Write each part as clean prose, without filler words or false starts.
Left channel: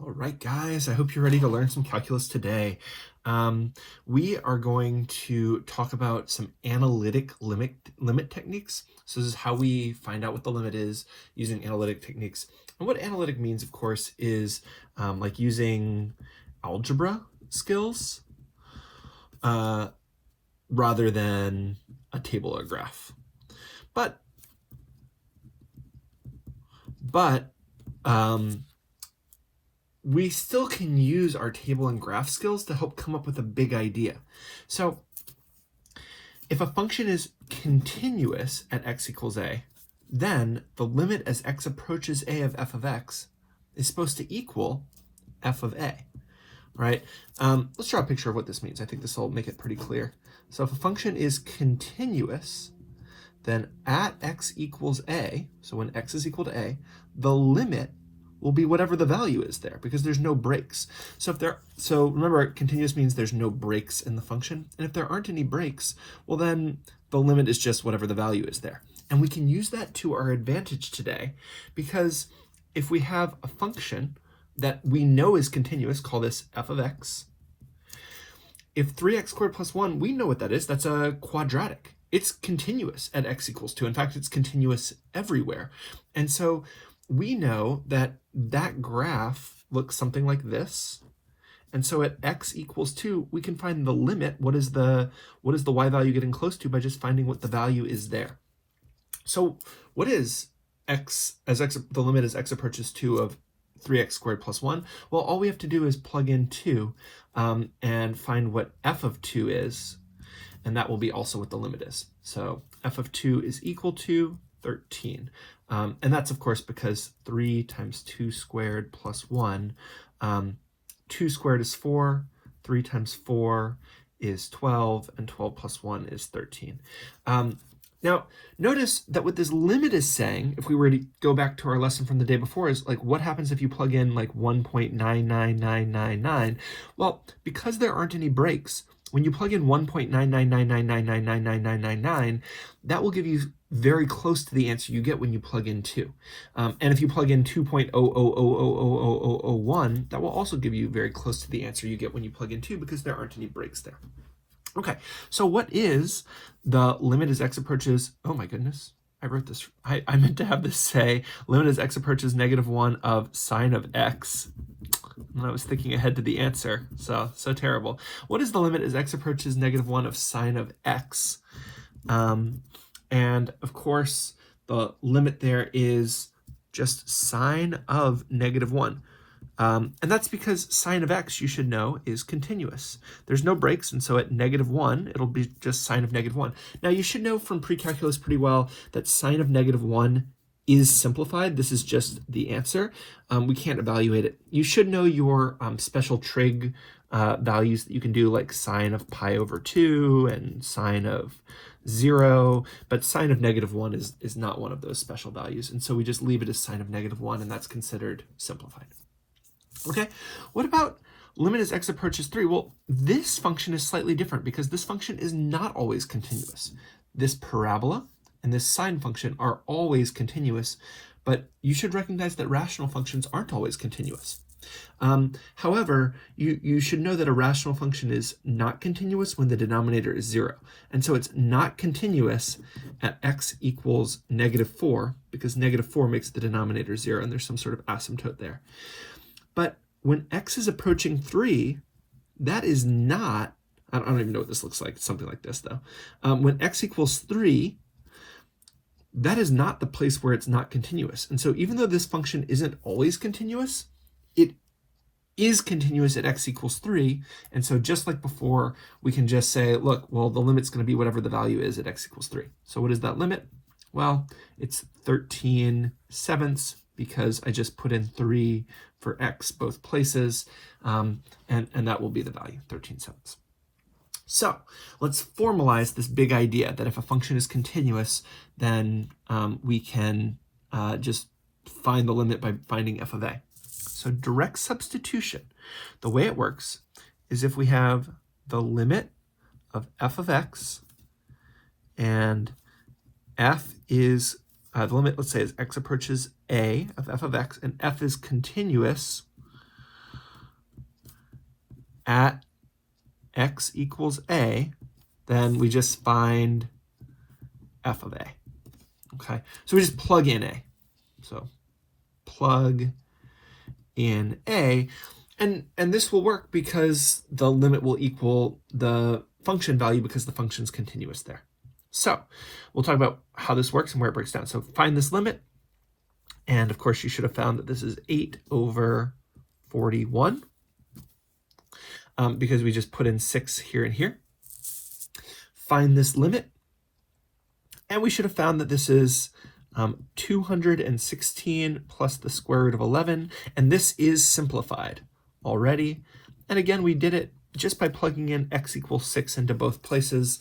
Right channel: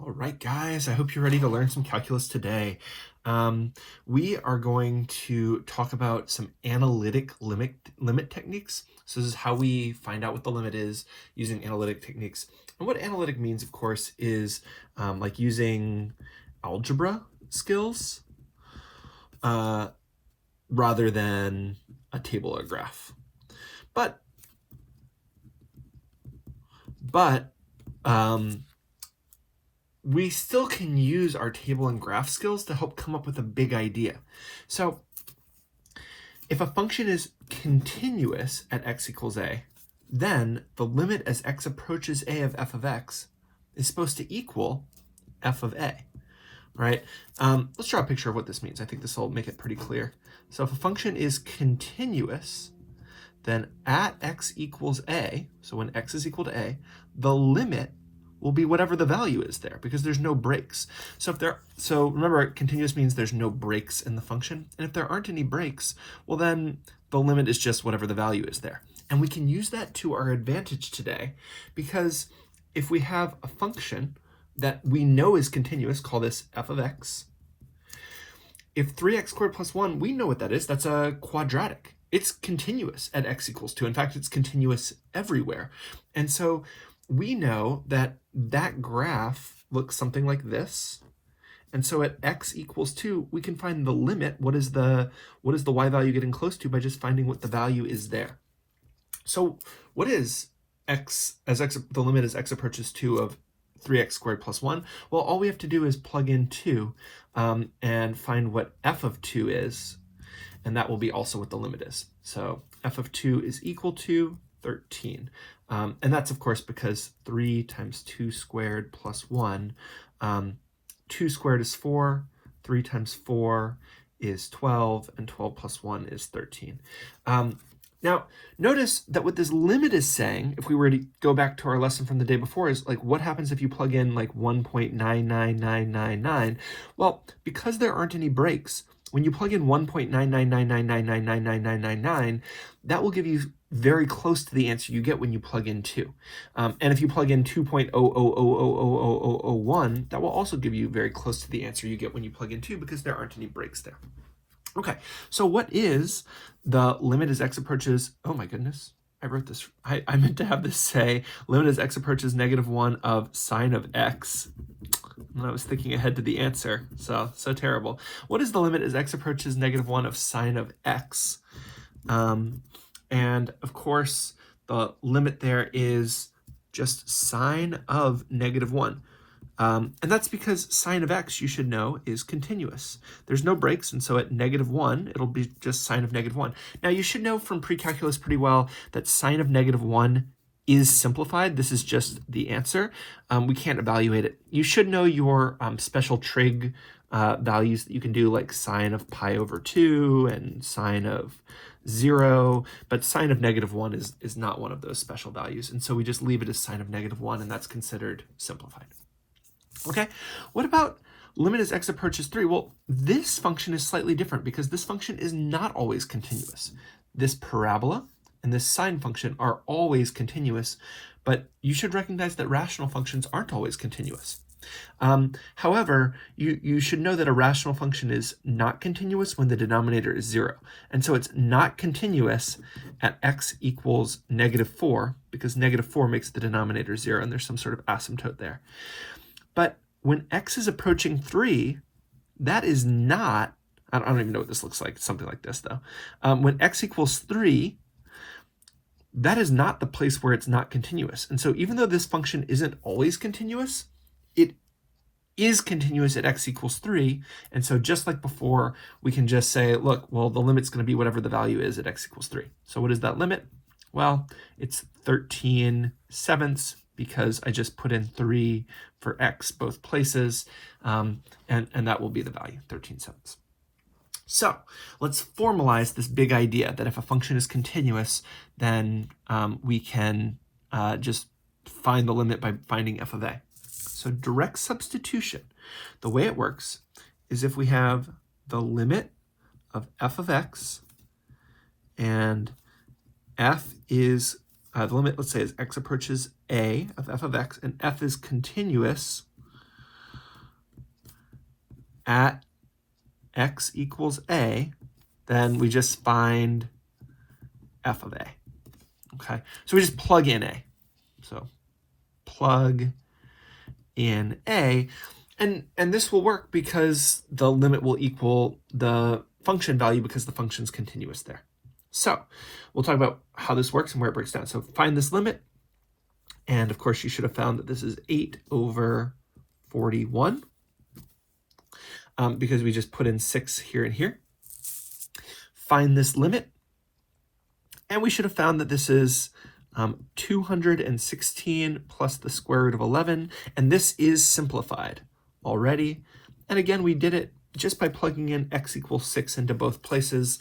All right, guys, I hope you're ready to learn some calculus today. We are going to talk about some analytic limit techniques. So this is how we find out what the limit is using analytic techniques. And what analytic means, of course, is like using algebra skills rather than a table or graph. But we still can use our table and graph skills to help come up with a big idea. So if a function is continuous at x equals a, then the limit as x approaches a of f of x is supposed to equal f of a, right? Let's draw a picture of what this means. I think this will make it pretty clear. So if a function is continuous, then at x equals a, so when x is equal to a, the limit will be whatever the value is there because there's no breaks. So remember, continuous means there's no breaks in the function. And if there aren't any breaks, well then the limit is just whatever the value is there. And we can use that to our advantage today because if we have a function that we know is continuous, call this f of x. If 3x squared plus 1, we know what that is. That's a quadratic. It's continuous at x equals 2. In fact, it's continuous everywhere. And so we know that that graph looks something like this. And so at x equals 2, we can find the limit. What is the y value getting close to by just finding what the value is there. So what is x as the limit as x approaches 2 of 3x squared plus 1? Well, all we have to do is plug in 2 and find what f of 2 is, and that will be also what the limit is. So f of 2 is equal to 13. And that's, of course, because 3 times 2 squared plus 1. 2 squared is 4. 3 times 4 is 12. And 12 plus 1 is 13. Now, notice that what this limit is saying, if we were to go back to our lesson from the day before, is like, what happens if you plug in like 1.99999? Well, because there aren't any breaks, when you plug in 1.99999999999, that will give you very close to the answer you get when you plug in 2. And if you plug in 2.000000001, that will also give you very close to the answer you get when you plug in 2 because there aren't any breaks there. Okay, so what is the limit as x approaches, oh my goodness, I wrote this, I meant to have this say, limit as x approaches -1 of sine of x. I was thinking ahead to the answer, so terrible. What is the limit as x approaches -1 of sine of x? And of course, the limit there is just sine of -1. And that's because sine of x, you should know, is continuous. There's no breaks, and so at -1, it'll be just sine of -1. Now, you should know from pre-calculus pretty well that sine of -1 is simplified. This is just the answer. We can't evaluate it. You should know your special trig values that you can do, like sine of pi over 2 and sine of 0, but sine of -1 is not one of those special values, and so we just leave it as sine of -1, and that's considered simplified. Okay, what about limit as x approaches 3? Well, this function is slightly different because this function is not always continuous. This parabola and this sine function are always continuous, but you should recognize that rational functions aren't always continuous. However, you should know that a rational function is not continuous when the denominator is 0. And so it's not continuous at x equals -4 because -4 makes the denominator 0, and there's some sort of asymptote there. But when x is approaching 3, that is not, I don't even know what this looks like. It's something like this, though. When x equals 3, that is not the place where it's not continuous. And so even though this function isn't always continuous, it is continuous at x equals 3. And so just like before, we can just say, look, well, the limit's going to be whatever the value is at x equals 3. So what is that limit? Well, it's 13/7 because I just put in 3 for x both places, and that will be the value, 13/7. So let's formalize this big idea that if a function is continuous, then we can just find the limit by finding f of a. So direct substitution, the way it works is if we have the limit of f of x, and f is the limit, let's say, is x approaches a of f of x, and f is continuous, at x equals a, then we just find f of a. Okay, so we just plug in a. So plug in a, and this will work because the limit will equal the function value because the function's continuous there. So we'll talk about how this works and where it breaks down. So find this limit, and of course you should have found that this is 8 over 41 because we just put in 6 here and here. Find this limit, and we should have found that this is 216 plus the square root of 11, and this is simplified already. And again, we did it just by plugging in x equals 6 into both places.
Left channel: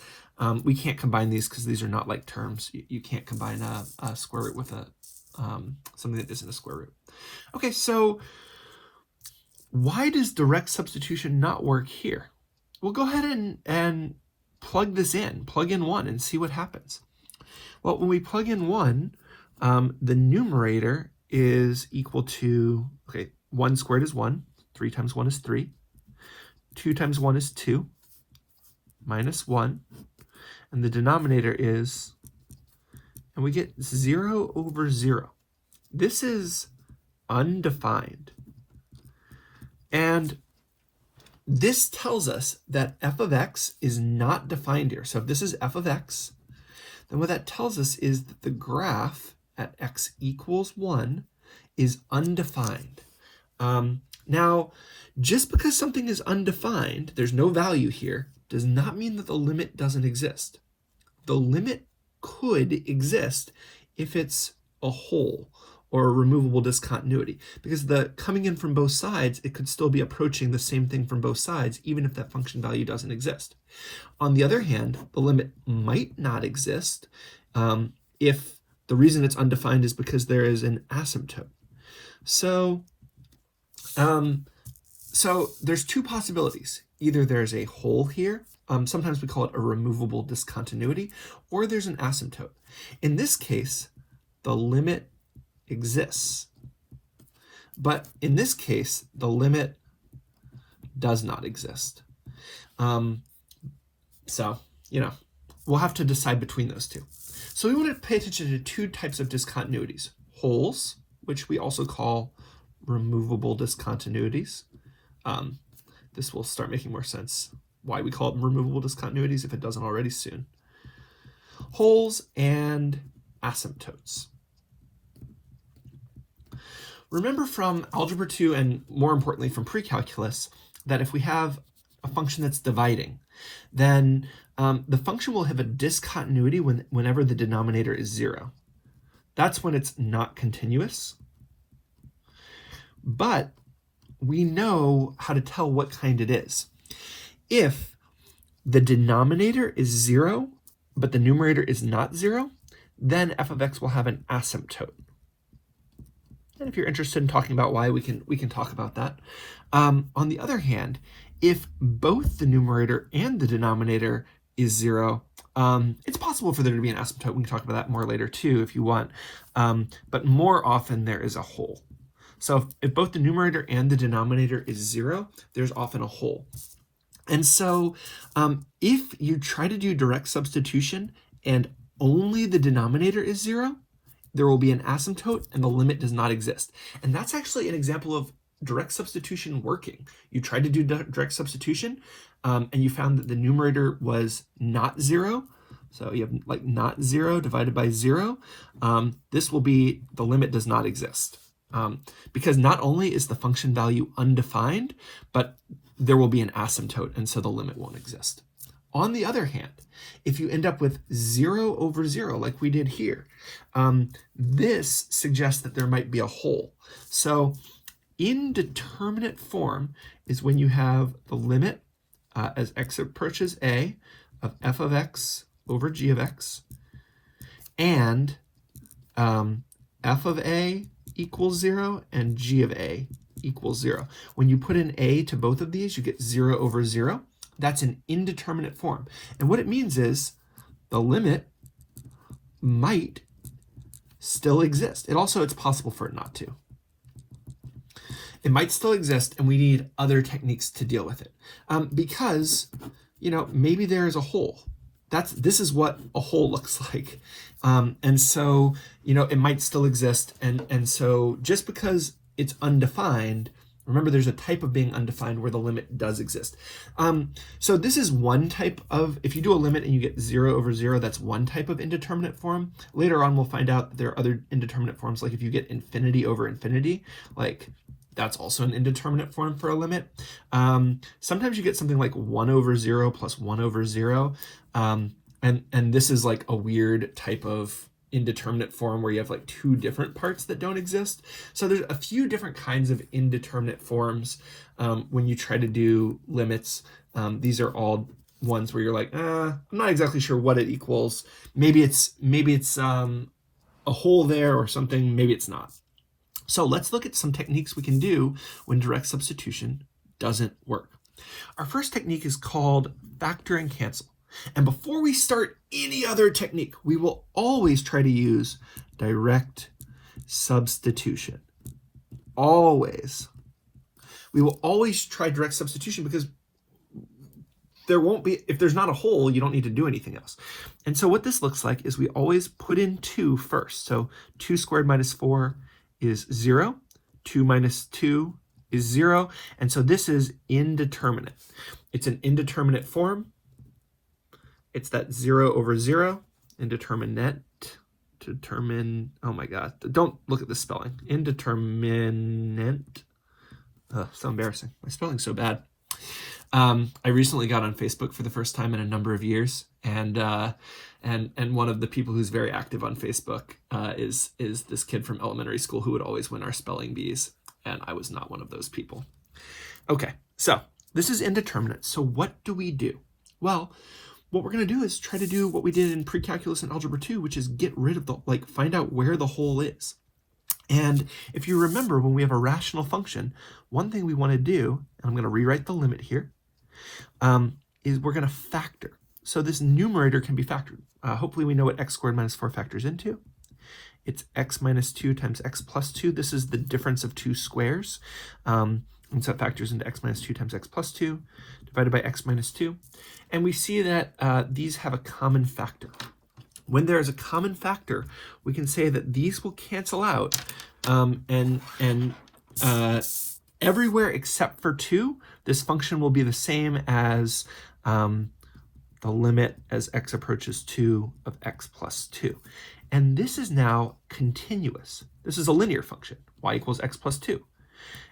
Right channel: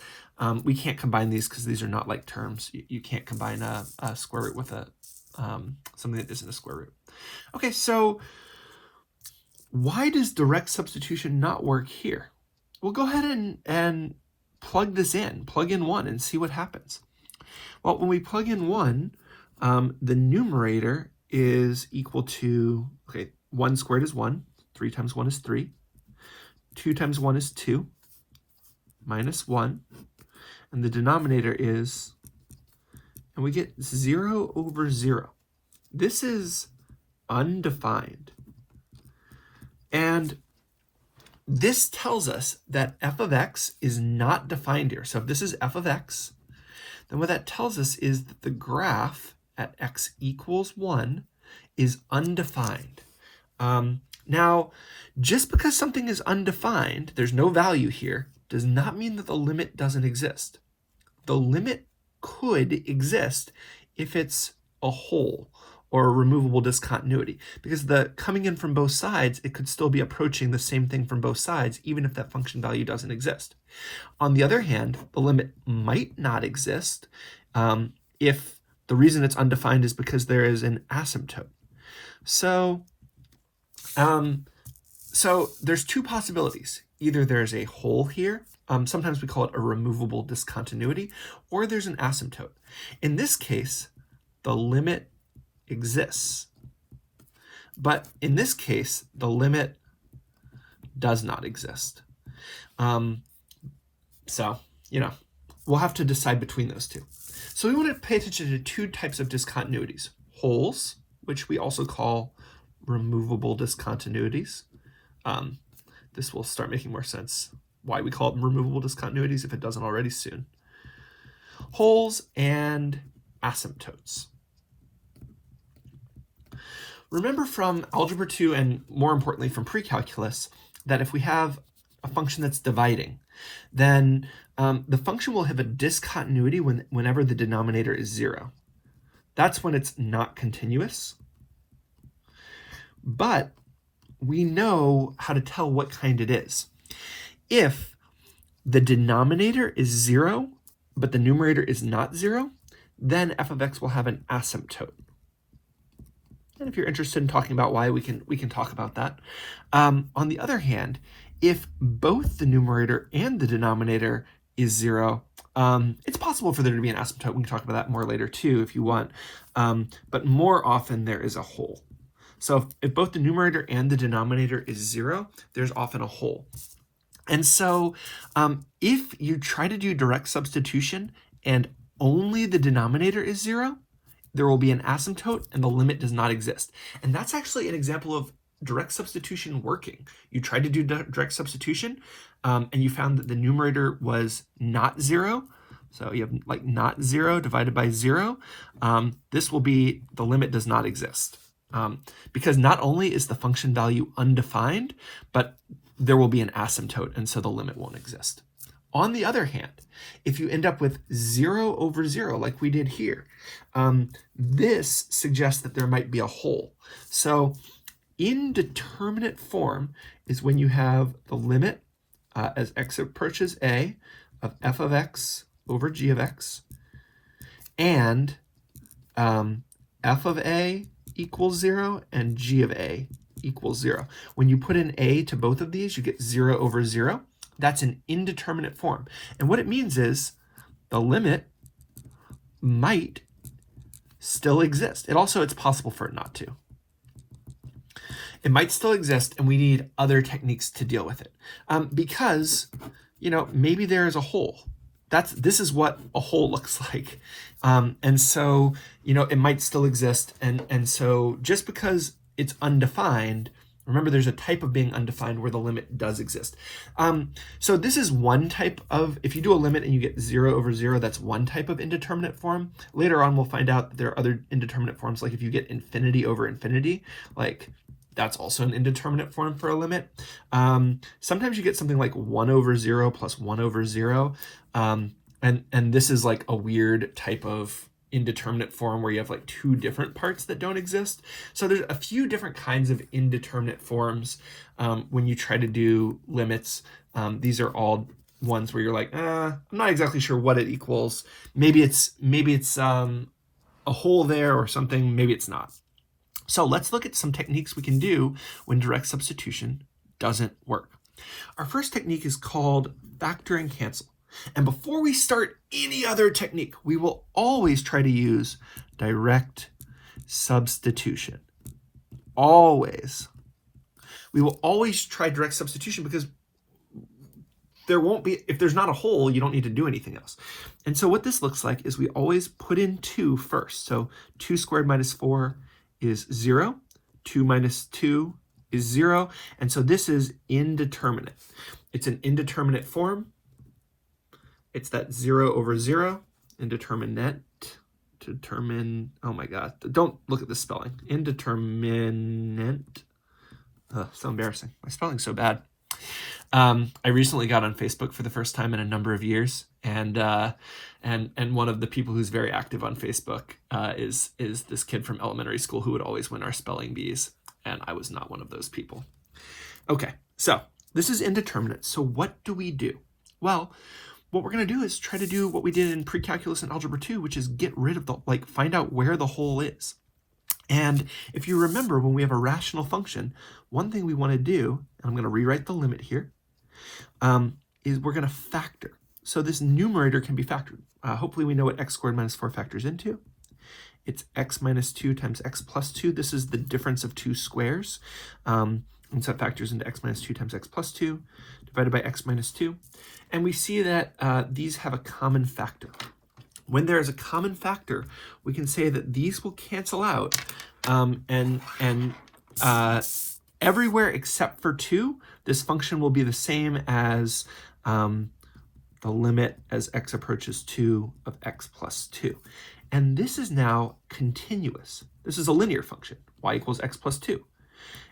We can't combine these because these are not like terms. You can't combine a square root with a something that isn't a square root. Okay, so why does direct substitution not work here? Well, go ahead and plug this in, plug in 1 and see what happens. Well, when we plug in 1, the numerator is equal to, okay, 1 squared is 1, 3 times 1 is 3, 2 times 1 is 2, minus 1, and the denominator is, and we get 0 over 0. This is undefined. And this tells us that f of x is not defined here. So if this is f of x, then what that tells us is that the graph at x equals 1 is undefined. Now, just because something is undefined, there's no value here, does not mean that the limit doesn't exist. The limit could exist if it's a hole or a removable discontinuity, because the coming in from both sides, it could still be approaching the same thing from both sides, even if that function value doesn't exist. On the other hand, the limit might not exist if the reason it's undefined is because there is an asymptote. So there's two possibilities. Either there's a hole here, sometimes we call it a removable discontinuity, or there's an asymptote. In this case, the limit exists. But in this case, the limit does not exist. So, we'll have to decide between those two. So we want to pay attention to two types of discontinuities. Holes, which we also call removable discontinuities. This will start making more sense why we call them removable discontinuities if it doesn't already soon. Holes and asymptotes. Remember from Algebra 2 and more importantly from pre-calculus that if we have a function that's dividing, then the function will have a discontinuity whenever the denominator is 0. That's when it's not continuous. But we know how to tell what kind it is. If the denominator is 0, but the numerator is not 0, then f of x will have an asymptote. And if you're interested in talking about why, we can talk about that. On the other hand, if both the numerator and the denominator is 0, it's possible for there to be an asymptote. We can talk about that more later too if you want. But more often there is a hole. So if both the numerator and the denominator is 0, there's often a hole. And so if you try to do direct substitution and only the denominator is 0, there will be an asymptote and the limit does not exist. And that's actually an example of direct substitution working. You tried to do direct substitution and you found that the numerator was not 0. So you have like not 0 divided by 0. This will be the limit does not exist. Because not only is the function value undefined, but there will be an asymptote, and so the limit won't exist. On the other hand, if you end up with 0 over 0, like we did here, this suggests that there might be a hole. So indeterminate form is when you have the limit as x approaches a of f of x over g of x, and f of a equals 0 and g of a equals 0. When you put in a to both of these, you get 0 over 0. That's an indeterminate form. And what it means is the limit might still exist. It's possible for it not to. it might still exist, and we need other techniques to deal with it. Because, maybe there is a hole. This is what a hole looks like. And so, it might still exist. And so just because it's undefined, remember there's a type of being undefined where the limit does exist. So this is one type of, if you do a limit and you get 0 over 0, that's one type of indeterminate form. Later on, we'll find out that there are other indeterminate forms, like if you get infinity over infinity, like that's also an indeterminate form for a limit. Sometimes you get something like 1 over 0 plus 1 over 0. And this is like a weird type of indeterminate form where you have like two different parts that don't exist. So there's a few different kinds of indeterminate forms when you try to do limits. These are all ones where you're like, I'm not exactly sure what it equals. Maybe it's a hole there or something. Maybe it's not. So let's look at some techniques we can do when direct substitution doesn't work. Our first technique is called factor and cancel. And before we start any other technique, we will always try to use direct substitution. Always. We will always try direct substitution because there won't be, if there's not a hole, you don't need to do anything else. And so what this looks like is we always put in 2 first. So 2 squared minus 4 is 0. 2 minus 2 is 0. And so this is indeterminate. It's an indeterminate form. It's that 0 over 0, indeterminate, oh my God, don't look at the spelling, indeterminate, so embarrassing, my spelling's so bad. I recently got on Facebook for the first time in a number of years, and one of the people who's very active on Facebook is this kid from elementary school who would always win our spelling bees, and I was not one of those people. Okay, so this is indeterminate, so what do we do? Well, what we're going to do is try to do what we did in pre-calculus and algebra 2, which is get rid of find out where the hole is. And if you remember, when we have a rational function, one thing we want to do, and I'm going to rewrite the limit here, is we're going to factor. So this numerator can be factored. Hopefully we know what x squared minus 4 factors into. It's x minus 2 times x plus 2. This is the difference of two squares. And so that factors into x minus 2 times x plus 2 divided by x minus 2. And we see that these have a common factor. When there is a common factor, we can say that these will cancel out, and everywhere except for 2, this function will be the same as the limit as x approaches 2 of x plus 2. And this is now continuous. This is a linear function, y equals x plus 2.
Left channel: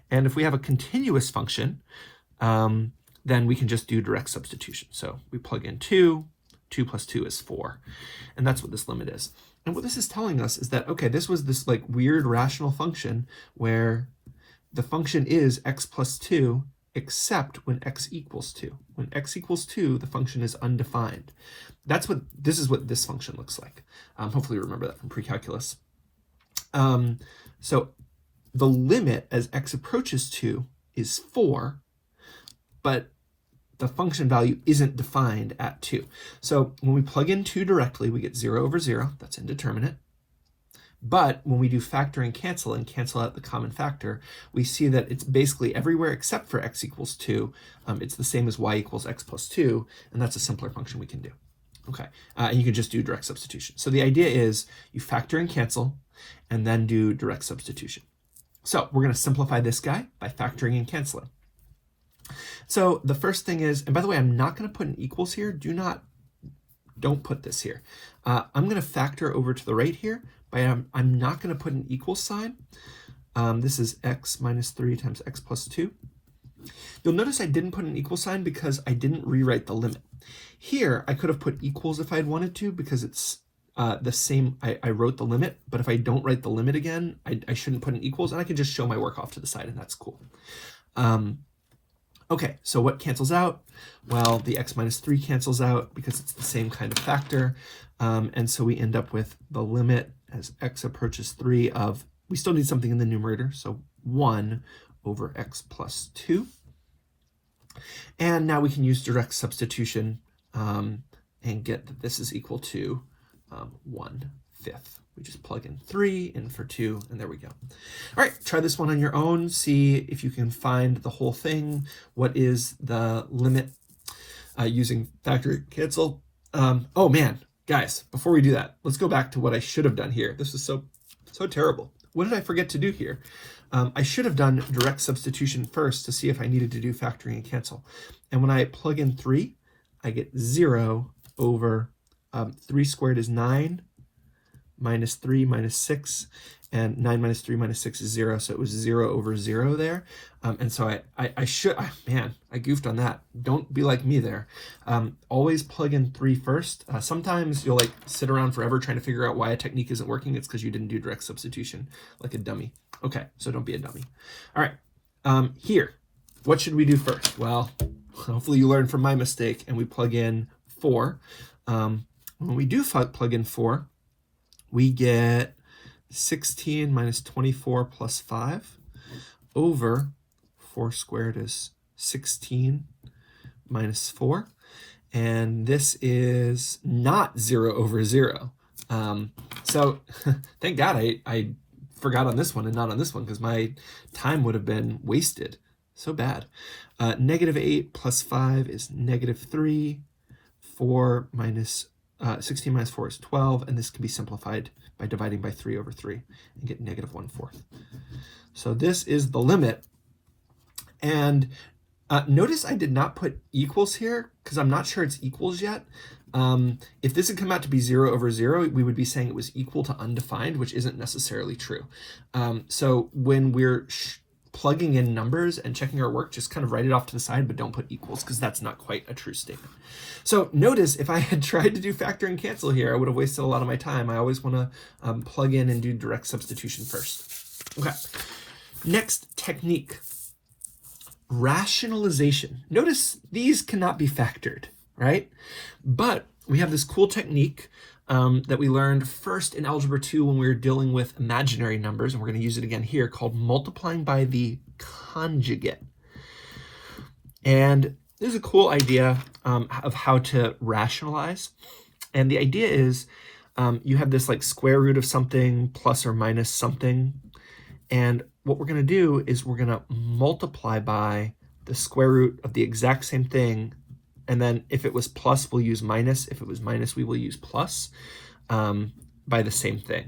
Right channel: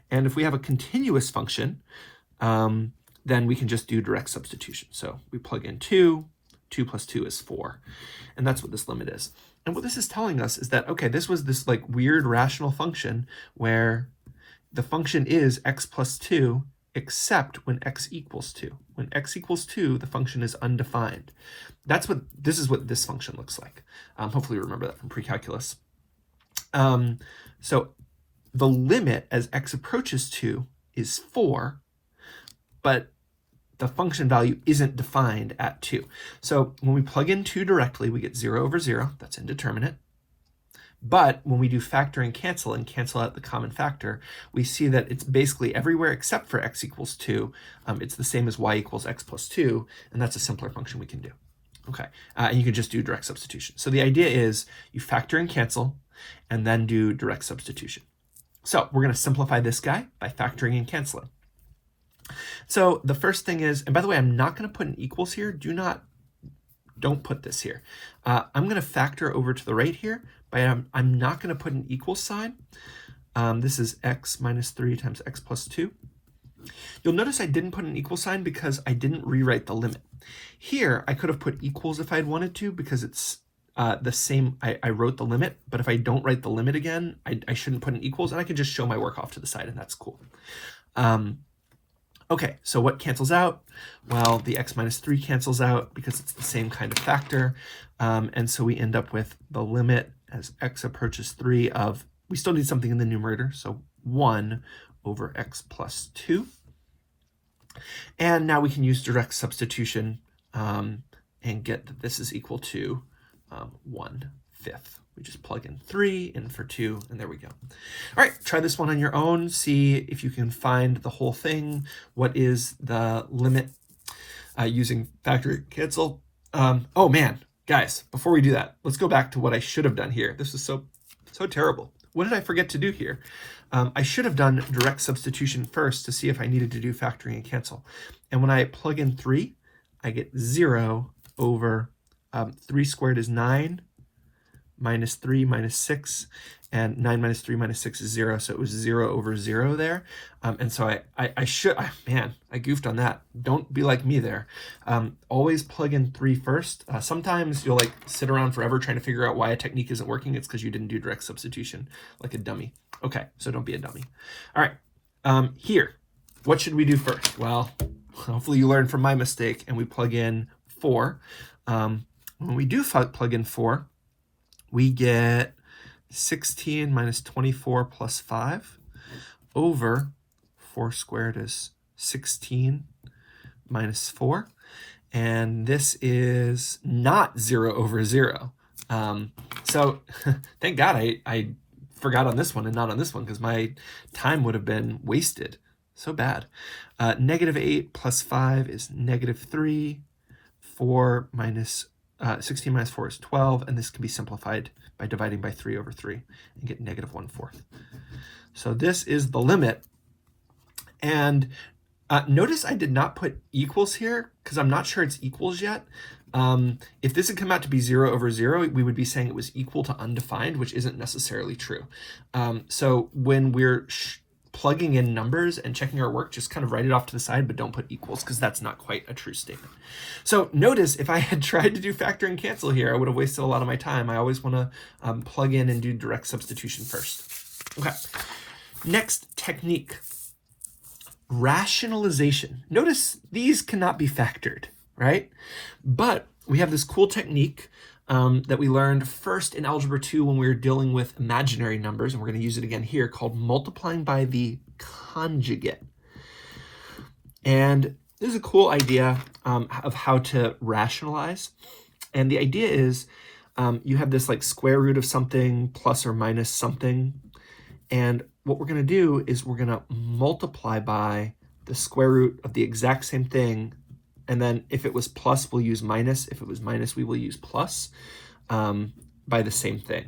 And if we have a continuous function, then we can just do direct substitution. So we plug in 2, 2 plus 2 is 4. And that's what this limit is. And what this is telling us is that, okay, this was this like weird rational function where the function is x plus 2, except when x equals 2. When x equals 2, the function is undefined. This is what this function looks like. Hopefully you remember that from pre-calculus. So the limit as x approaches 2 is 4, but the function value isn't defined at 2. So when we plug in 2 directly, we get 0 over 0. That's indeterminate. But when we do factor and cancel out the common factor, we see that it's basically everywhere except for x equals 2. It's the same as y equals x plus 2, and that's a simpler function we can do. Okay, and you can just do direct substitution. So the idea is you factor and cancel, and then do direct substitution. So we're going to simplify this guy by factoring and canceling. So the first thing is, and by the way, I'm not going to put an equals here. Don't put this here. I'm going to factor over to the right here, but I'm not going to put an equal sign. This is x minus 3 times x plus 2. You'll notice I didn't put an equal sign because I didn't rewrite the limit. Here, I could have put equals if I'd wanted to because it's the same. I wrote the limit, but if I don't write the limit again, I shouldn't put an equals, and I can just show my work off to the side, and that's cool. Okay, so what cancels out? Well, the x minus 3 cancels out because it's the same kind of factor. And so we end up with the limit as x approaches 3 of, we still need something in the numerator, so 1 over x plus 2. And now we can use direct substitution and get that this is equal to 1/5. we just plug in 3, in for 2, and there we go. All right, try this one on your own. See if you can find the whole thing. What is the limit using factor and cancel? Oh man, guys, before we do that, let's go back to what I should have done here. This is so terrible. What did I forget to do here? I should have done direct substitution first to see if I needed to do factoring and cancel. And when I plug in 3, I get 0 over 3 squared is 9, minus 3 minus 6, and 9 minus 3 minus 6 is 0, so it was 0 over 0 there. And so I goofed on that. Don't be like me there. Always plug in 3 first. Sometimes you'll like sit around forever trying to figure out why a technique isn't working. It's because you didn't do direct substitution like a dummy. Okay, so don't be a dummy. All right, here, what should we do first? Well, hopefully you learned from my mistake and we plug in 4. When we do plug in 4, we get 16 minus 24 plus 5 over 4 squared is 16 minus 4. And this is not 0 over 0. So thank God I forgot on this one and not on this one, because my time would have been wasted. So bad. Negative 8 plus 5 is negative 3. 4 minus 16 minus 4 is 12, and this can be simplified by dividing by 3 over 3 and get negative 1/4. So this is the limit. And notice I did not put equals here because I'm not sure it's equals yet. If this had come out to be 0 over 0, we would be saying it was equal to undefined, which isn't necessarily true. So when we're plugging in numbers and checking our work, just kind of write it off to the side, but don't put equals because that's not quite a true statement. So notice if I had tried to do factor and cancel here, I would have wasted a lot of my time. I always want to plug in and do direct substitution first. Okay, next technique, rationalization. Notice these cannot be factored, right? But we have this cool technique that we learned first in Algebra 2 when we were dealing with imaginary numbers, and we're going to use it again here, called multiplying by the conjugate. And this is a cool idea of how to rationalize. And the idea is you have this like square root of something plus or minus something. And what we're going to do is we're going to multiply by the square root of the exact same thing. And then if it was plus, we'll use minus. If it was minus, we will use plus by the same thing.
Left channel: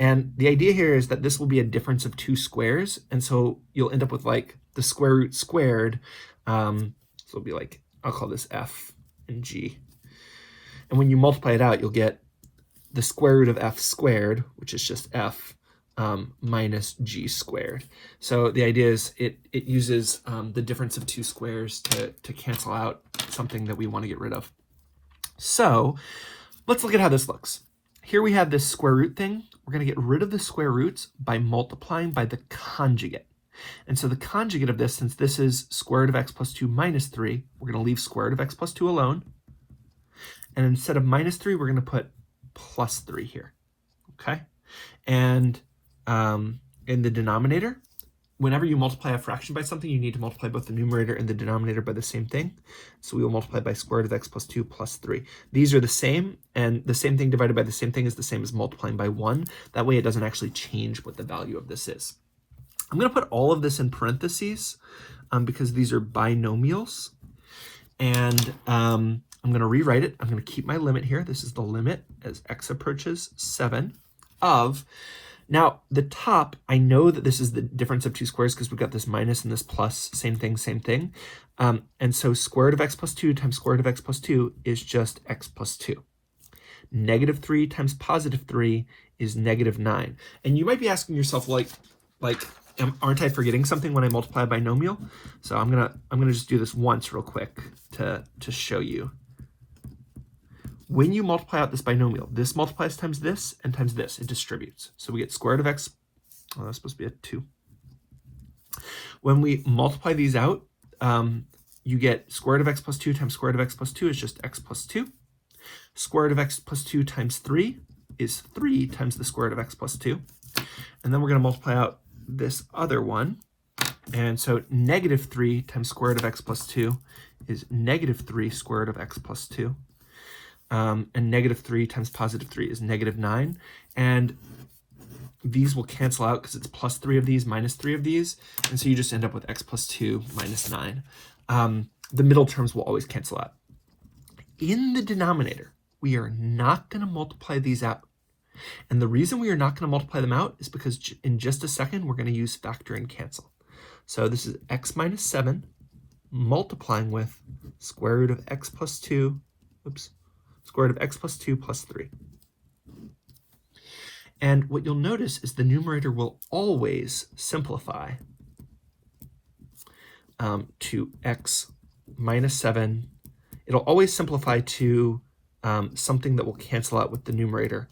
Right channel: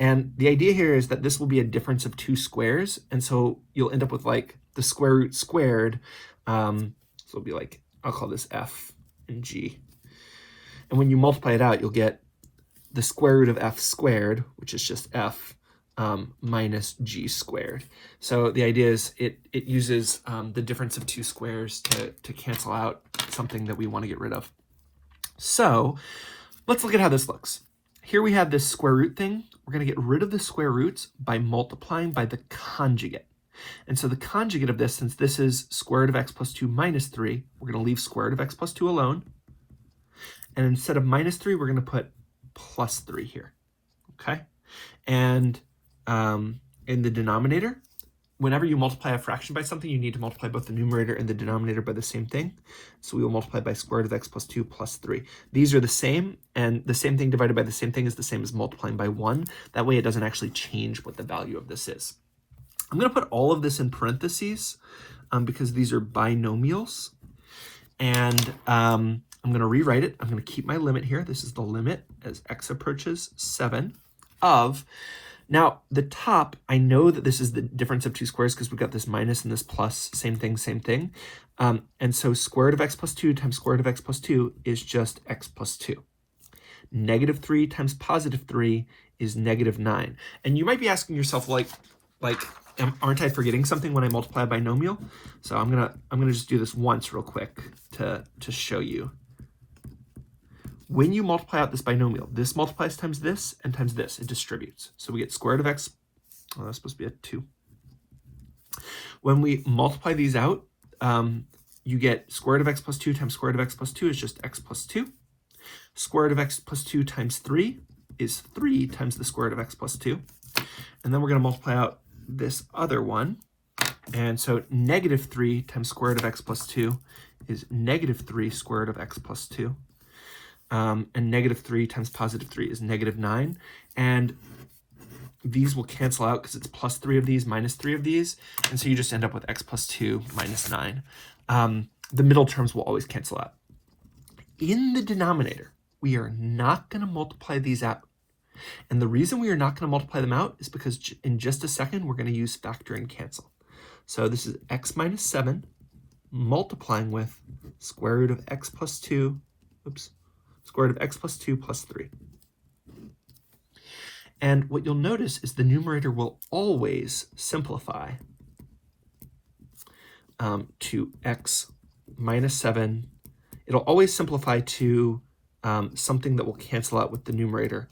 And the idea here is that this will be a difference of 2 squares. And so you'll end up with like the square root squared. So it'll be like, I'll call this f and g. And when you multiply it out, you'll get the square root of f squared, which is just f, minus g squared. So the idea is it uses the difference of 2 squares to cancel out something that we want to get rid of. So let's look at how this looks. Here we have this square root thing. We're going to get rid of the square roots by multiplying by the conjugate. And so the conjugate of this, since this is square root of x plus 2 minus 3, we're going to leave square root of x plus 2 alone. And instead of minus 3, we're going to put plus 3 here. Okay? And in the denominator, whenever you multiply a fraction by something, you need to multiply both the numerator and the denominator by the same thing. So we will multiply by square root of x plus 2 plus 3. These are the same, and the same thing divided by the same thing is the same as multiplying by 1. That way it doesn't actually change what the value of this is. I'm going to put all of this in parentheses because these are binomials. And I'm going to rewrite it. I'm going to keep my limit here. This is the limit as x approaches 7 of... Now, the top, I know that this is the difference of 2 squares because we've got this minus and this plus, same thing, same thing. And so square root of x plus 2 times square root of x plus 2 is just x plus 2. Negative 3 times positive 3 is negative 9. And you might be asking yourself, like, aren't I forgetting something when I multiply a binomial? So I'm gonna just do this once real quick to show you. When you multiply out this binomial, this multiplies times this and times this. It distributes. So we get square root of x. Oh, that's supposed to be a 2. When we multiply these out, you get square root of x plus 2 times square root of x plus 2 is just x plus 2. Square root of x plus 2 times 3 is 3 times the square root of x plus 2. And then we're going to multiply out this other one. And so negative 3 times square root of x plus 2 is negative 3 square root of x plus 2. And negative 3 times positive 3 is negative 9. and these will cancel out because it's plus 3 of these minus 3 of these, and so you just end up with x plus 2 minus 9. The middle terms will always cancel out. In the denominator, we are not going to multiply these out. And the reason we are not going to multiply them out is because in just a second, we're going to use factor and cancel. So this is x minus 7 multiplying with square root of x plus 2, square root of x plus 2 plus 3. And what you'll notice is the numerator will always simplify to x minus 7. It'll always simplify to something that will cancel out with the numerator.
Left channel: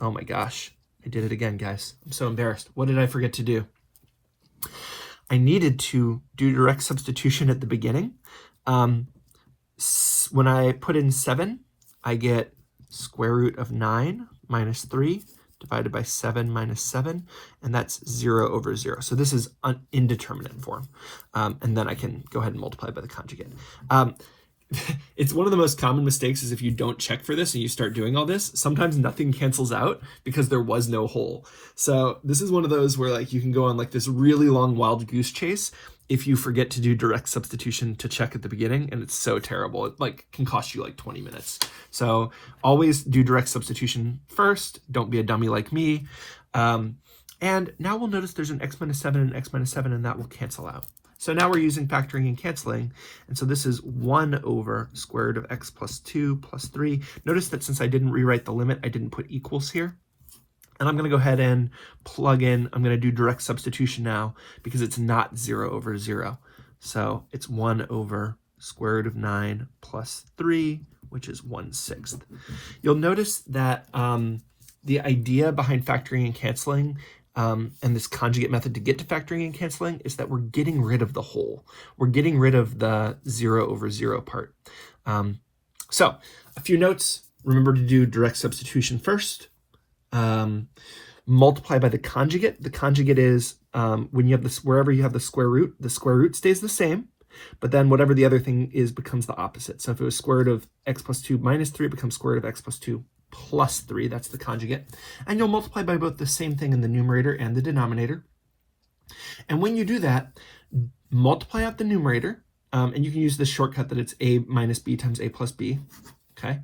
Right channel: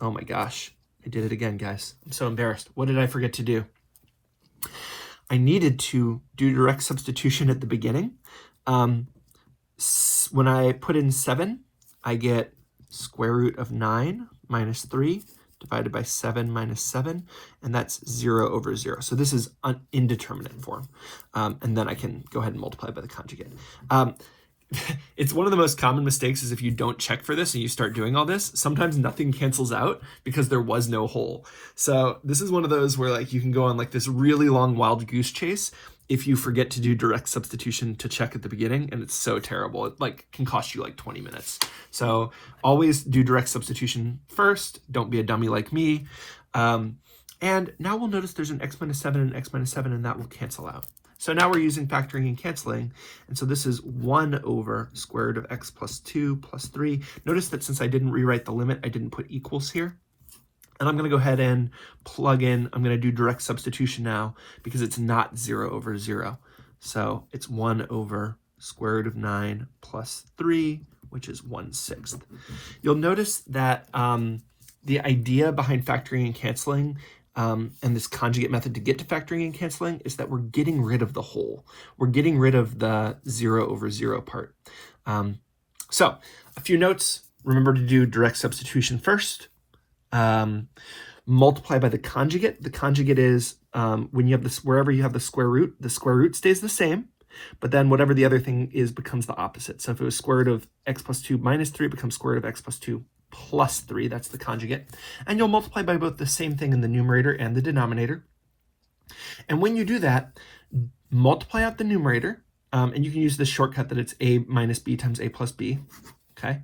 Oh my gosh, I did it again, guys. I'm so embarrassed. What did I forget to do? I needed to do direct substitution at the beginning. When I put in 7, I get square root of 9 minus 3 divided by 7 minus 7, and that's 0 over 0. So this is an indeterminate form, and then I can go ahead and multiply by the conjugate. It's one of the most common mistakes is if you don't check for this and you start doing all this, sometimes nothing cancels out because there was no hole. So this is one of those where like you can go on like this really long wild goose chase if you forget to do direct substitution to check at the beginning, and it's so terrible. It like can cost you like 20 minutes. So always do direct substitution first. Don't be a dummy like me. And now we'll notice there's an x minus 7 and an x minus 7, and that will cancel out. So now we're using factoring and canceling, and so this is 1 over square root of x plus 2 plus 3. Notice that since I didn't rewrite the limit, I didn't put equals here. And I'm going to go ahead and plug in, I'm going to do direct substitution now because it's not 0 over 0. So it's 1 over square root of 9 plus 3, which is 1/6. You'll notice that the idea behind factoring and canceling and this conjugate method to get to factoring and canceling is that we're getting rid of the whole. We're getting rid of the 0 over 0 part. So a few notes. Remember to do direct substitution first. Multiply by the conjugate. The conjugate is when you have this, wherever you have the square root stays the same, but then whatever the other thing is becomes the opposite. So if it was square root of x plus 2 minus 3, it becomes square root of x plus 2 plus 3, that's the conjugate. And you'll multiply by both the same thing in the numerator and the denominator. And when you do that, multiply out the numerator, and you can use this shortcut that it's a minus b times a plus b, okay?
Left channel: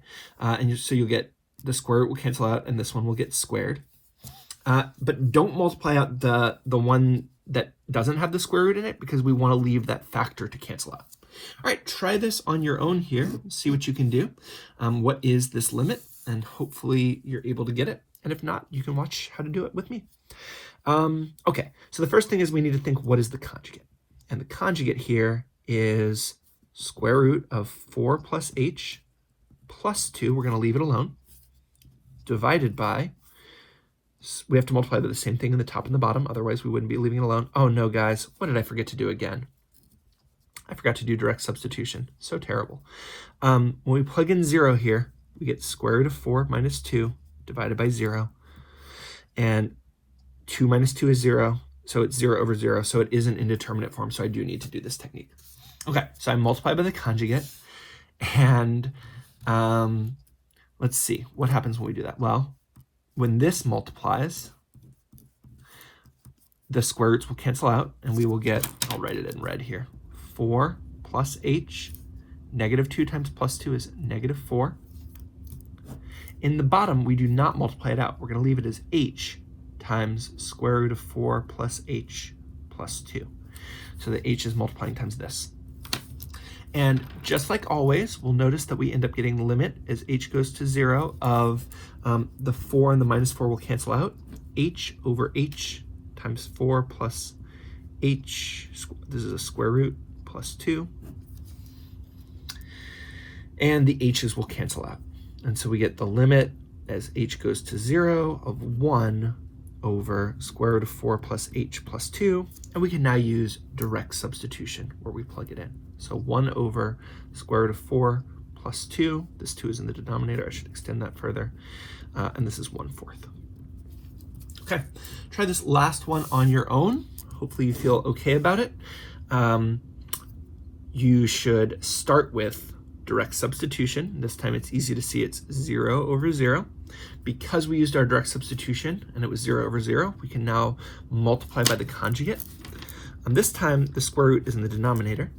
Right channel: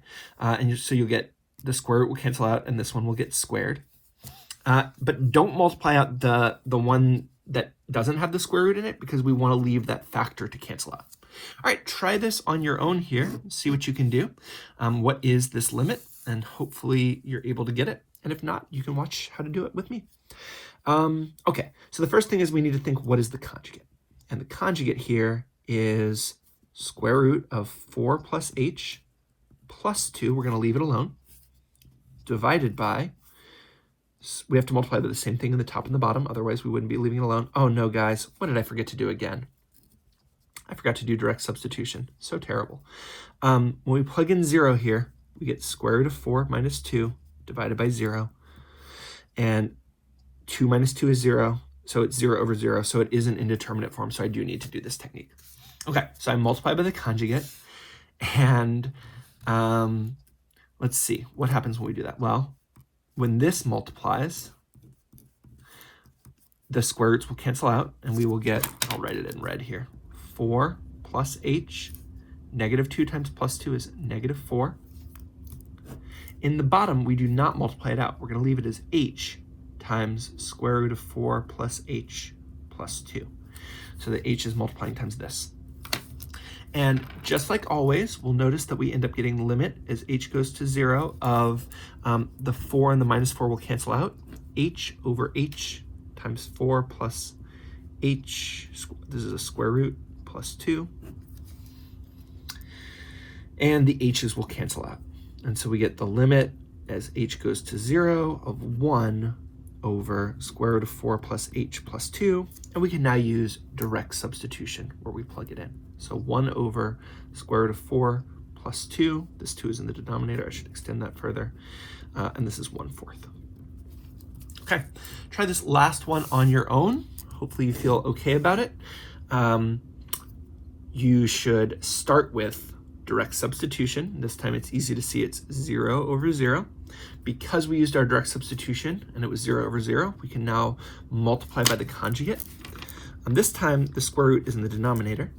So you'll get the square root will cancel out, and this one will get squared. But don't multiply out the one that doesn't have the square root in it because we want to leave that factor to cancel out. All right, try this on your own here. See what you can do. What is this limit? And hopefully you're able to get it. And if not, you can watch how to do it with me. Okay, so the first thing is we need to think, what is the conjugate? And the conjugate here is square root of 4 plus h plus 2, we're going to leave it alone, divided by, we have to multiply by the same thing in the top and the bottom, otherwise we wouldn't be leaving it alone. Oh no, guys, what did I forget to do again? I forgot to do direct substitution. So terrible. When we plug in 0 here, we get square root of 4 minus 2 divided by 0. And 2 minus 2 is 0, so it's 0 over 0, so it is an indeterminate form, so I do need to do this technique. Okay, so I multiply by the conjugate, and let's see, what happens when we do that? Well, when this multiplies, the square roots will cancel out, and we will get, I'll write it in red here, 4 plus h, negative 2 times plus 2 is negative 4. In the bottom, we do not multiply it out. We're going to leave it as h times square root of 4 plus h plus 2. So the h is multiplying times this. And just like always, we'll notice that we end up getting the limit as h goes to 0 of the 4 and the minus 4 will cancel out. H over h times 4 plus h, this is a square root, plus 2. And the h's will cancel out. And so we get the limit as h goes to 0 of 1 over square root of 4 plus h plus 2. And we can now use direct substitution where we plug it in. So 1 over square root of 4 plus 2. This 2 is in the denominator. I should extend that further. And this is 1/4. Okay, try this last one on your own. Hopefully you feel okay about it. You should start with direct substitution. This time it's easy to see it's 0 over 0. Because we used our direct substitution and it was 0 over 0, we can now multiply by the conjugate. And this time, the square root is in the denominator.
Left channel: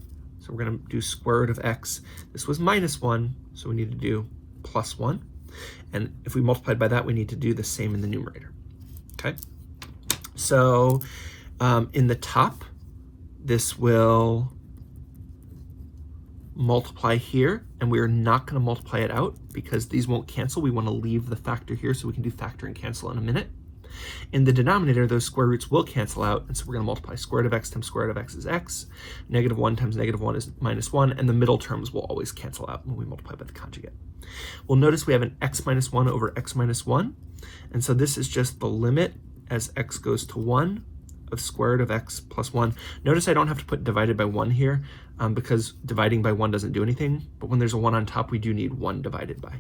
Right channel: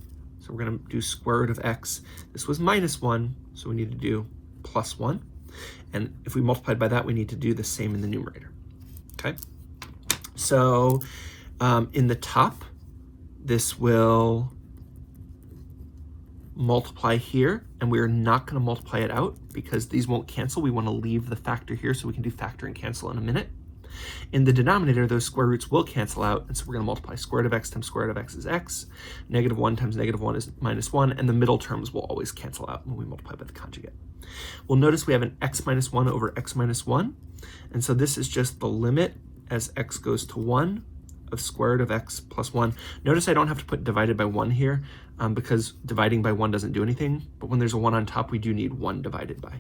So we're going to do square root of x. This was minus 1, so we need to do plus 1. And if we multiplied by that, we need to do the same in the numerator. Okay? So in the top, this will multiply here, and we're not going to multiply it out because these won't cancel. We want to leave the factor here so we can do factor and cancel in a minute. In the denominator, those square roots will cancel out, and so we're going to multiply square root of x times square root of x is x. Negative 1 times negative 1 is minus 1, and the middle terms will always cancel out when we multiply by the conjugate. We'll notice we have an x minus 1 over x minus 1, and so this is just the limit as x goes to 1 of square root of x plus 1. Notice I don't have to put divided by 1 here, because dividing by 1 doesn't do anything, but when there's a 1 on top, we do need 1 divided by.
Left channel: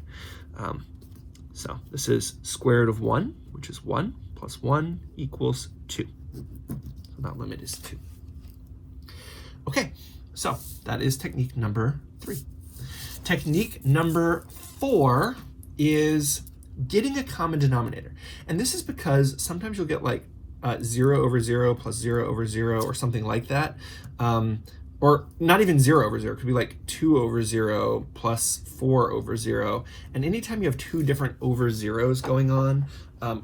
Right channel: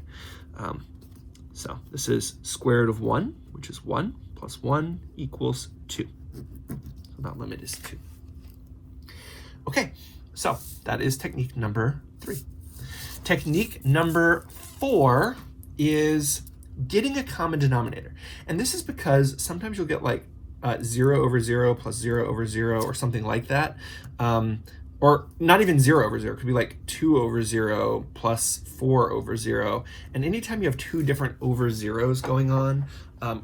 So this is square root of 1, which is 1, plus 1 equals 2. So that limit is 2. Okay, so that is technique number 3. Technique number 4 is getting a common denominator. And this is because sometimes you'll get like 0 over 0 plus 0 over 0 or something like that. Or not even 0 over 0, it could be like 2 over 0 plus 4 over 0. And anytime you have two different over zeros going on,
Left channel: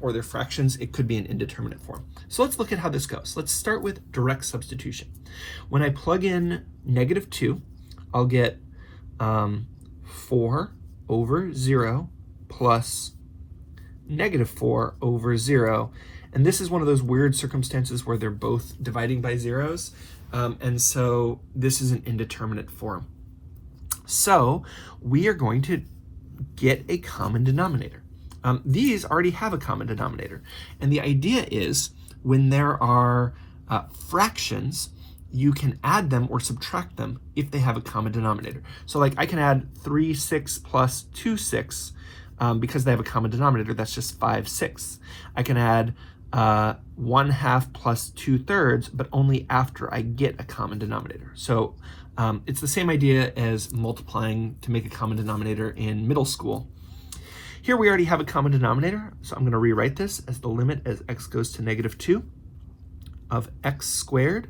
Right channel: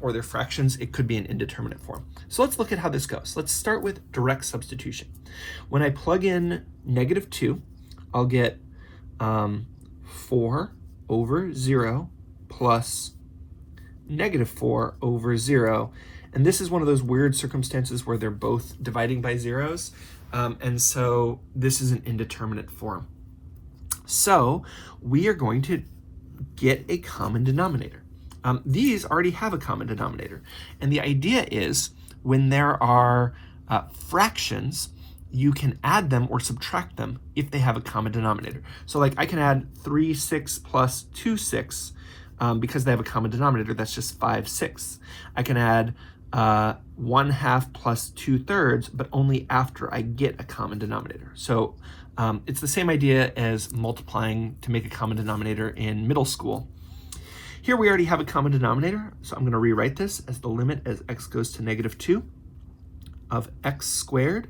or their fractions, it could be an indeterminate form. So let's look at how this goes. Let's start with direct substitution. When I plug in negative 2, I'll get 4 over 0 plus negative 4 over 0. And this is one of those weird circumstances where they're both dividing by zeros. And so this is an indeterminate form. So we are going to get a common denominator. These already have a common denominator. And the idea is when there are fractions, you can add them or subtract them if they have a common denominator. So like I can add 3/6 plus 2/6 because they have a common denominator. That's just 5/6. I can add 1/2 plus 2/3, but only after I get a common denominator. So it's the same idea as multiplying to make a common denominator in middle school. Here we already have a common denominator, so I'm going to rewrite this as the limit as x goes to negative 2 of x squared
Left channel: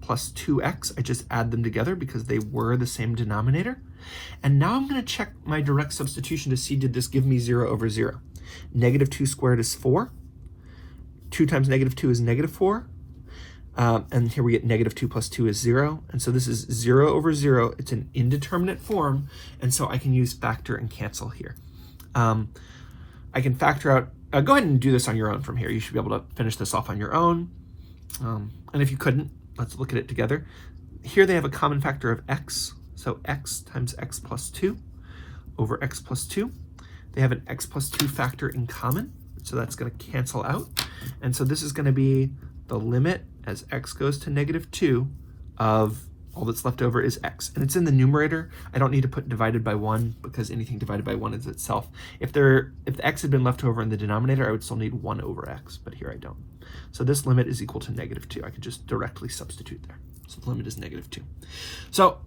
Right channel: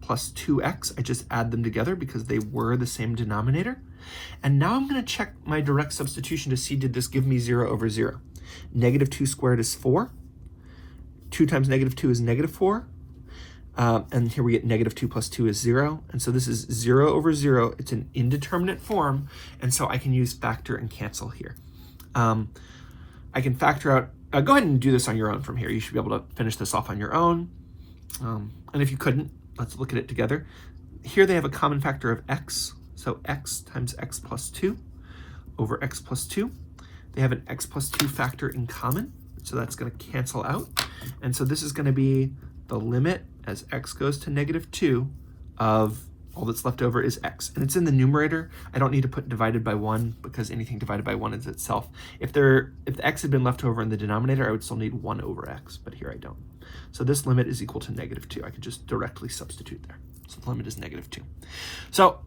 plus 2x. I just add them together because they were the same denominator. And now I'm going to check my direct substitution to see, did this give me 0 over 0? Negative 2 squared is 4. 2 times negative 2 is negative 4. And here we get negative 2 plus 2 is 0. And so this is 0 over 0. It's an indeterminate form, and so I can use factor and cancel here. I can factor out, go ahead and do this on your own from here. You should be able to finish this off on your own. And if you couldn't, let's look at it together. Here they have a common factor of x. So x times x plus 2 over x plus 2. They have an x plus 2 factor in common, so that's going to cancel out. And so this is going to be the limit as x goes to negative 2 of all that's left over is x. And it's in the numerator. I don't need to put divided by 1 because anything divided by 1 is itself. If x had been left over in the denominator, I would still need 1 over x, but here I don't. So this limit is equal to negative 2. I could just directly substitute there. So the limit is negative 2. So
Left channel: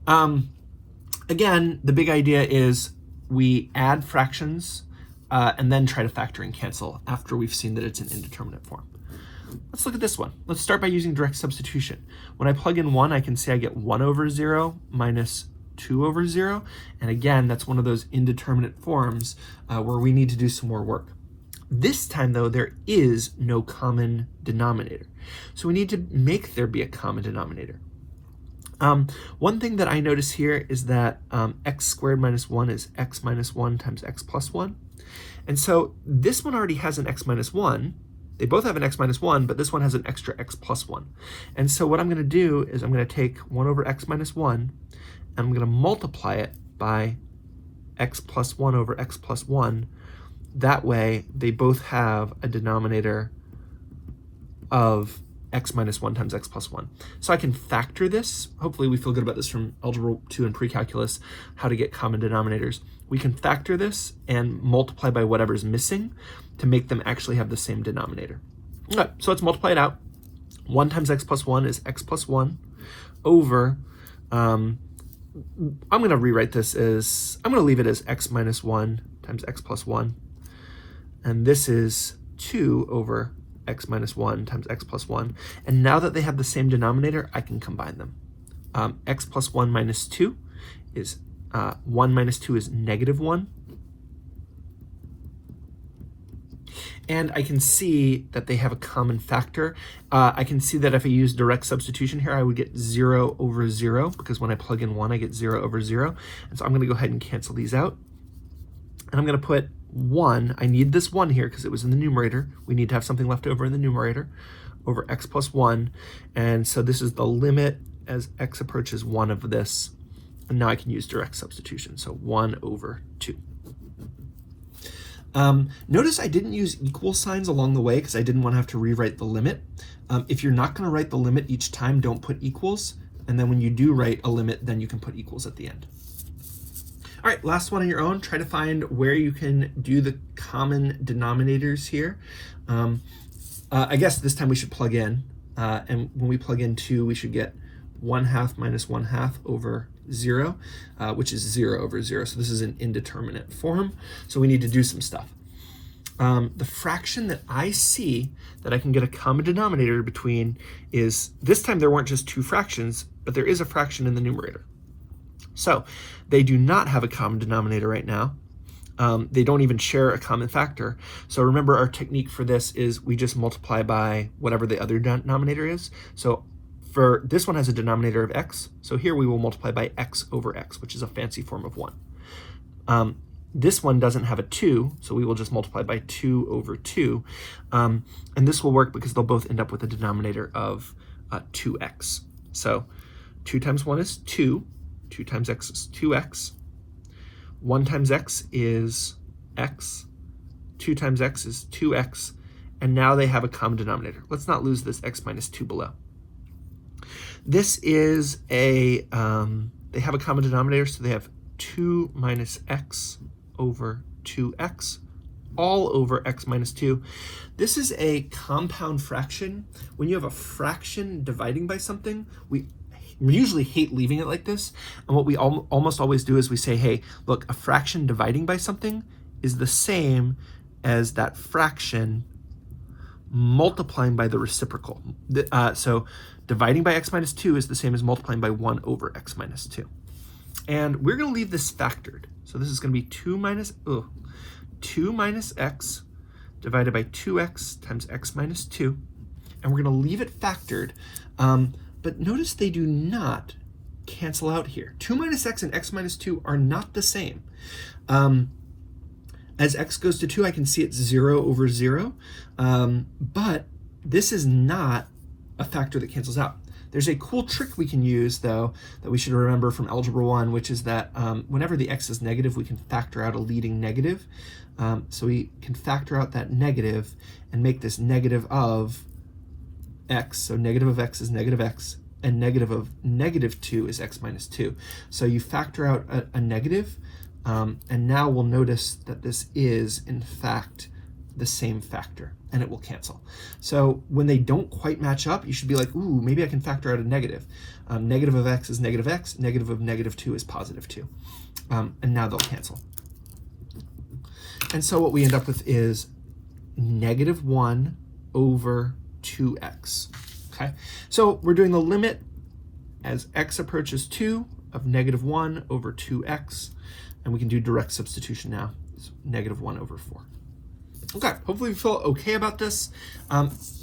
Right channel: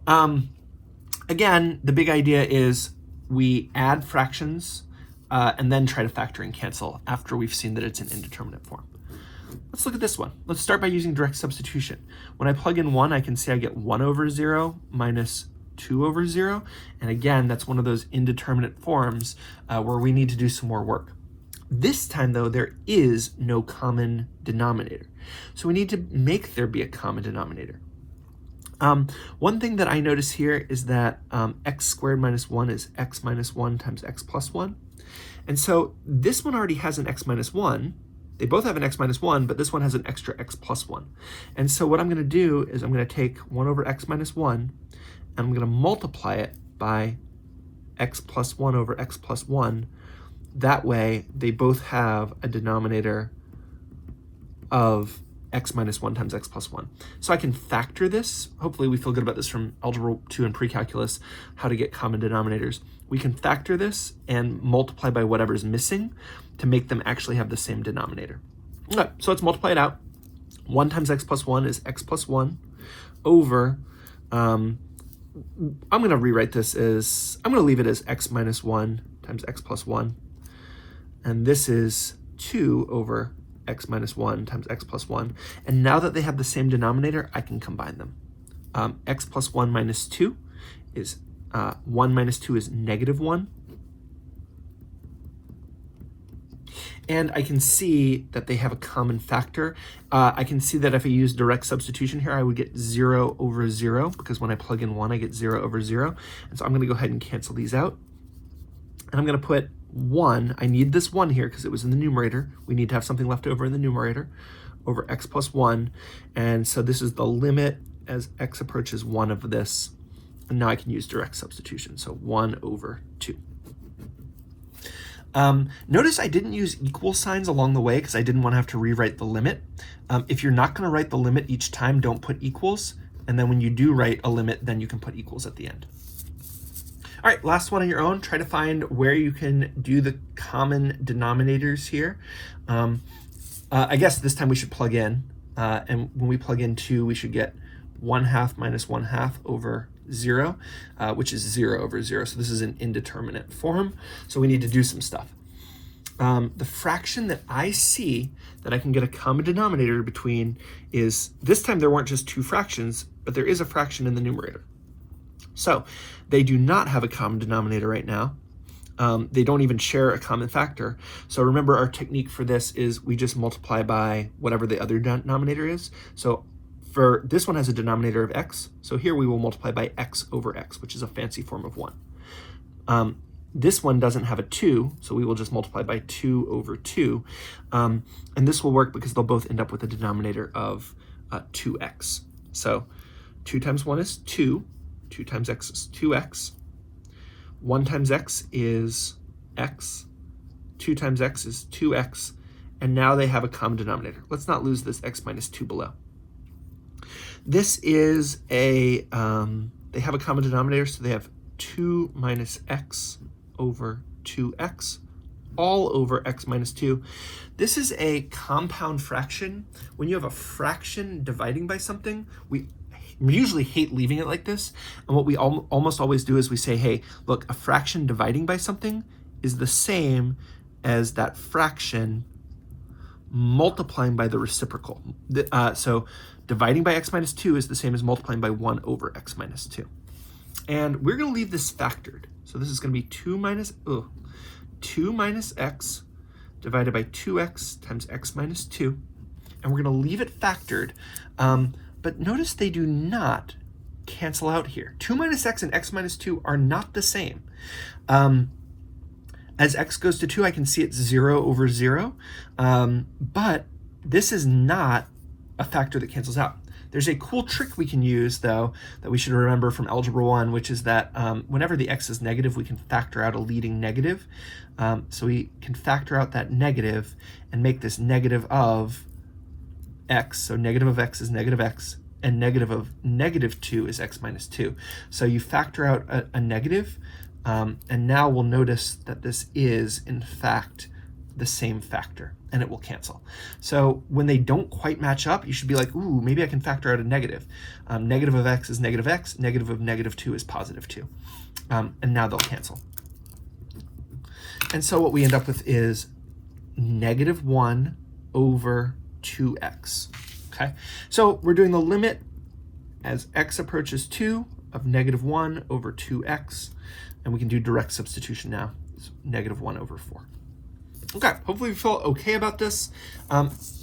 again, the big idea is we add fractions and then try to factor and cancel after we've seen that it's an indeterminate form. Let's look at this one. Let's start by using direct substitution. When I plug in 1, I can say I get 1 over 0 minus 2 over 0. And again, that's one of those indeterminate forms where we need to do some more work. This time, though, there is no common denominator. So we need to make there be a common denominator. One thing that I notice here is that x squared minus 1 is x minus 1 times x plus 1. And so this one already has an x minus 1. They both have an x minus 1, but this one has an extra x plus 1. And so what I'm going to do is I'm going to take 1 over x minus 1, and I'm going to multiply it by x plus 1 over x plus 1. That way, they both have a denominator of x minus 1 times x plus 1. So I can factor this. Hopefully we feel good about this from Algebra 2 and Pre-Calculus, how to get common denominators. We can factor this and multiply by whatever's missing to make them actually have the same denominator. All right, so let's multiply it out. 1 times x plus 1 is x plus 1 over, I'm going to rewrite this as, I'm going to leave it as x minus 1 times x plus 1. and this is 2 over x minus 1 times x plus 1. And now that they have the same denominator, I can combine them. X plus 1 minus 2 is 1 minus 2 is negative 1. And I can see that they have a common factor. I can see that if I use direct substitution here, I would get 0 over 0, because when I plug in 1, I get 0 over 0. And so I'm going to go ahead and cancel these out. And I'm going to put 1. I need this 1 here because it was in the numerator. We need to have something left over in the numerator, over x plus 1. And so this is the limit as x approaches 1 of this. And now I can use direct substitution. So 1 over 2. Notice I didn't use equal signs along the way because I didn't want to have to rewrite the limit. If you're not going to write the limit each time, don't put equals. And then when you do write a limit, then you can put equals at the end. All right, last one on your own. Try to find where you can do the common denominators here. I guess this time we should plug in. And when we plug in 2, we should get 1/2 minus 1/2 over 0, which is 0 over 0. So this is an indeterminate form. So we need to do some stuff. The fraction that I see that I can get a common denominator between is, this time there weren't just 2 fractions, but there is a fraction in the numerator. So they do not have a common denominator right now. They don't even share a common factor. So remember, our technique for this is we just multiply by whatever the other denominator is. So for this one has a denominator of x, so here we will multiply by x over x, which is a fancy form of 1. This one doesn't have a 2, so we will just multiply by 2 over 2. And this will work because they'll both end up with a denominator of 2x. So 2 times 1 is 2, 2 times x is 2x, 1 times x is x, 2 times x is 2x, and now they have a common denominator. Let's not lose this x minus 2 below. This is they have a common denominator, so they have 2 minus x over 2x, all over x minus 2. This is a compound fraction. When you have a fraction dividing by something, we usually hate leaving it like this. And what we almost always do is we say, hey, look, a fraction dividing by something is the same as that fraction multiplying by the reciprocal. So dividing by x minus 2 is the same as multiplying by 1 over x minus 2. And we're going to leave this factored. So this is going to be 2 minus x divided by 2x times x minus 2. And we're going to leave it factored. But notice they do not cancel out here. 2 minus x and x minus 2 are not the same. As x goes to 2, I can see it's 0 over 0. But this is not a factor that cancels out. There's a cool trick we can use, though, that we should remember from Algebra 1, which is that whenever the x is negative, we can factor out a leading negative. So we can factor out that negative and make this negative of x. So negative of x is negative x, and negative of negative 2 is x minus 2. So you factor out a negative, and now we'll notice that this is, in fact, the same factor, and it will cancel. So when they don't quite match up, you should be like, ooh, maybe I can factor out a negative. Negative of x is negative x, negative of negative 2 is positive 2. And now they'll cancel. And so what we end up with is negative 1 over 2x. Okay, so we're doing the limit as x approaches 2 of negative 1 over 2x, and we can do direct substitution now. It's negative 1 over 4. Okay, hopefully you feel okay about this.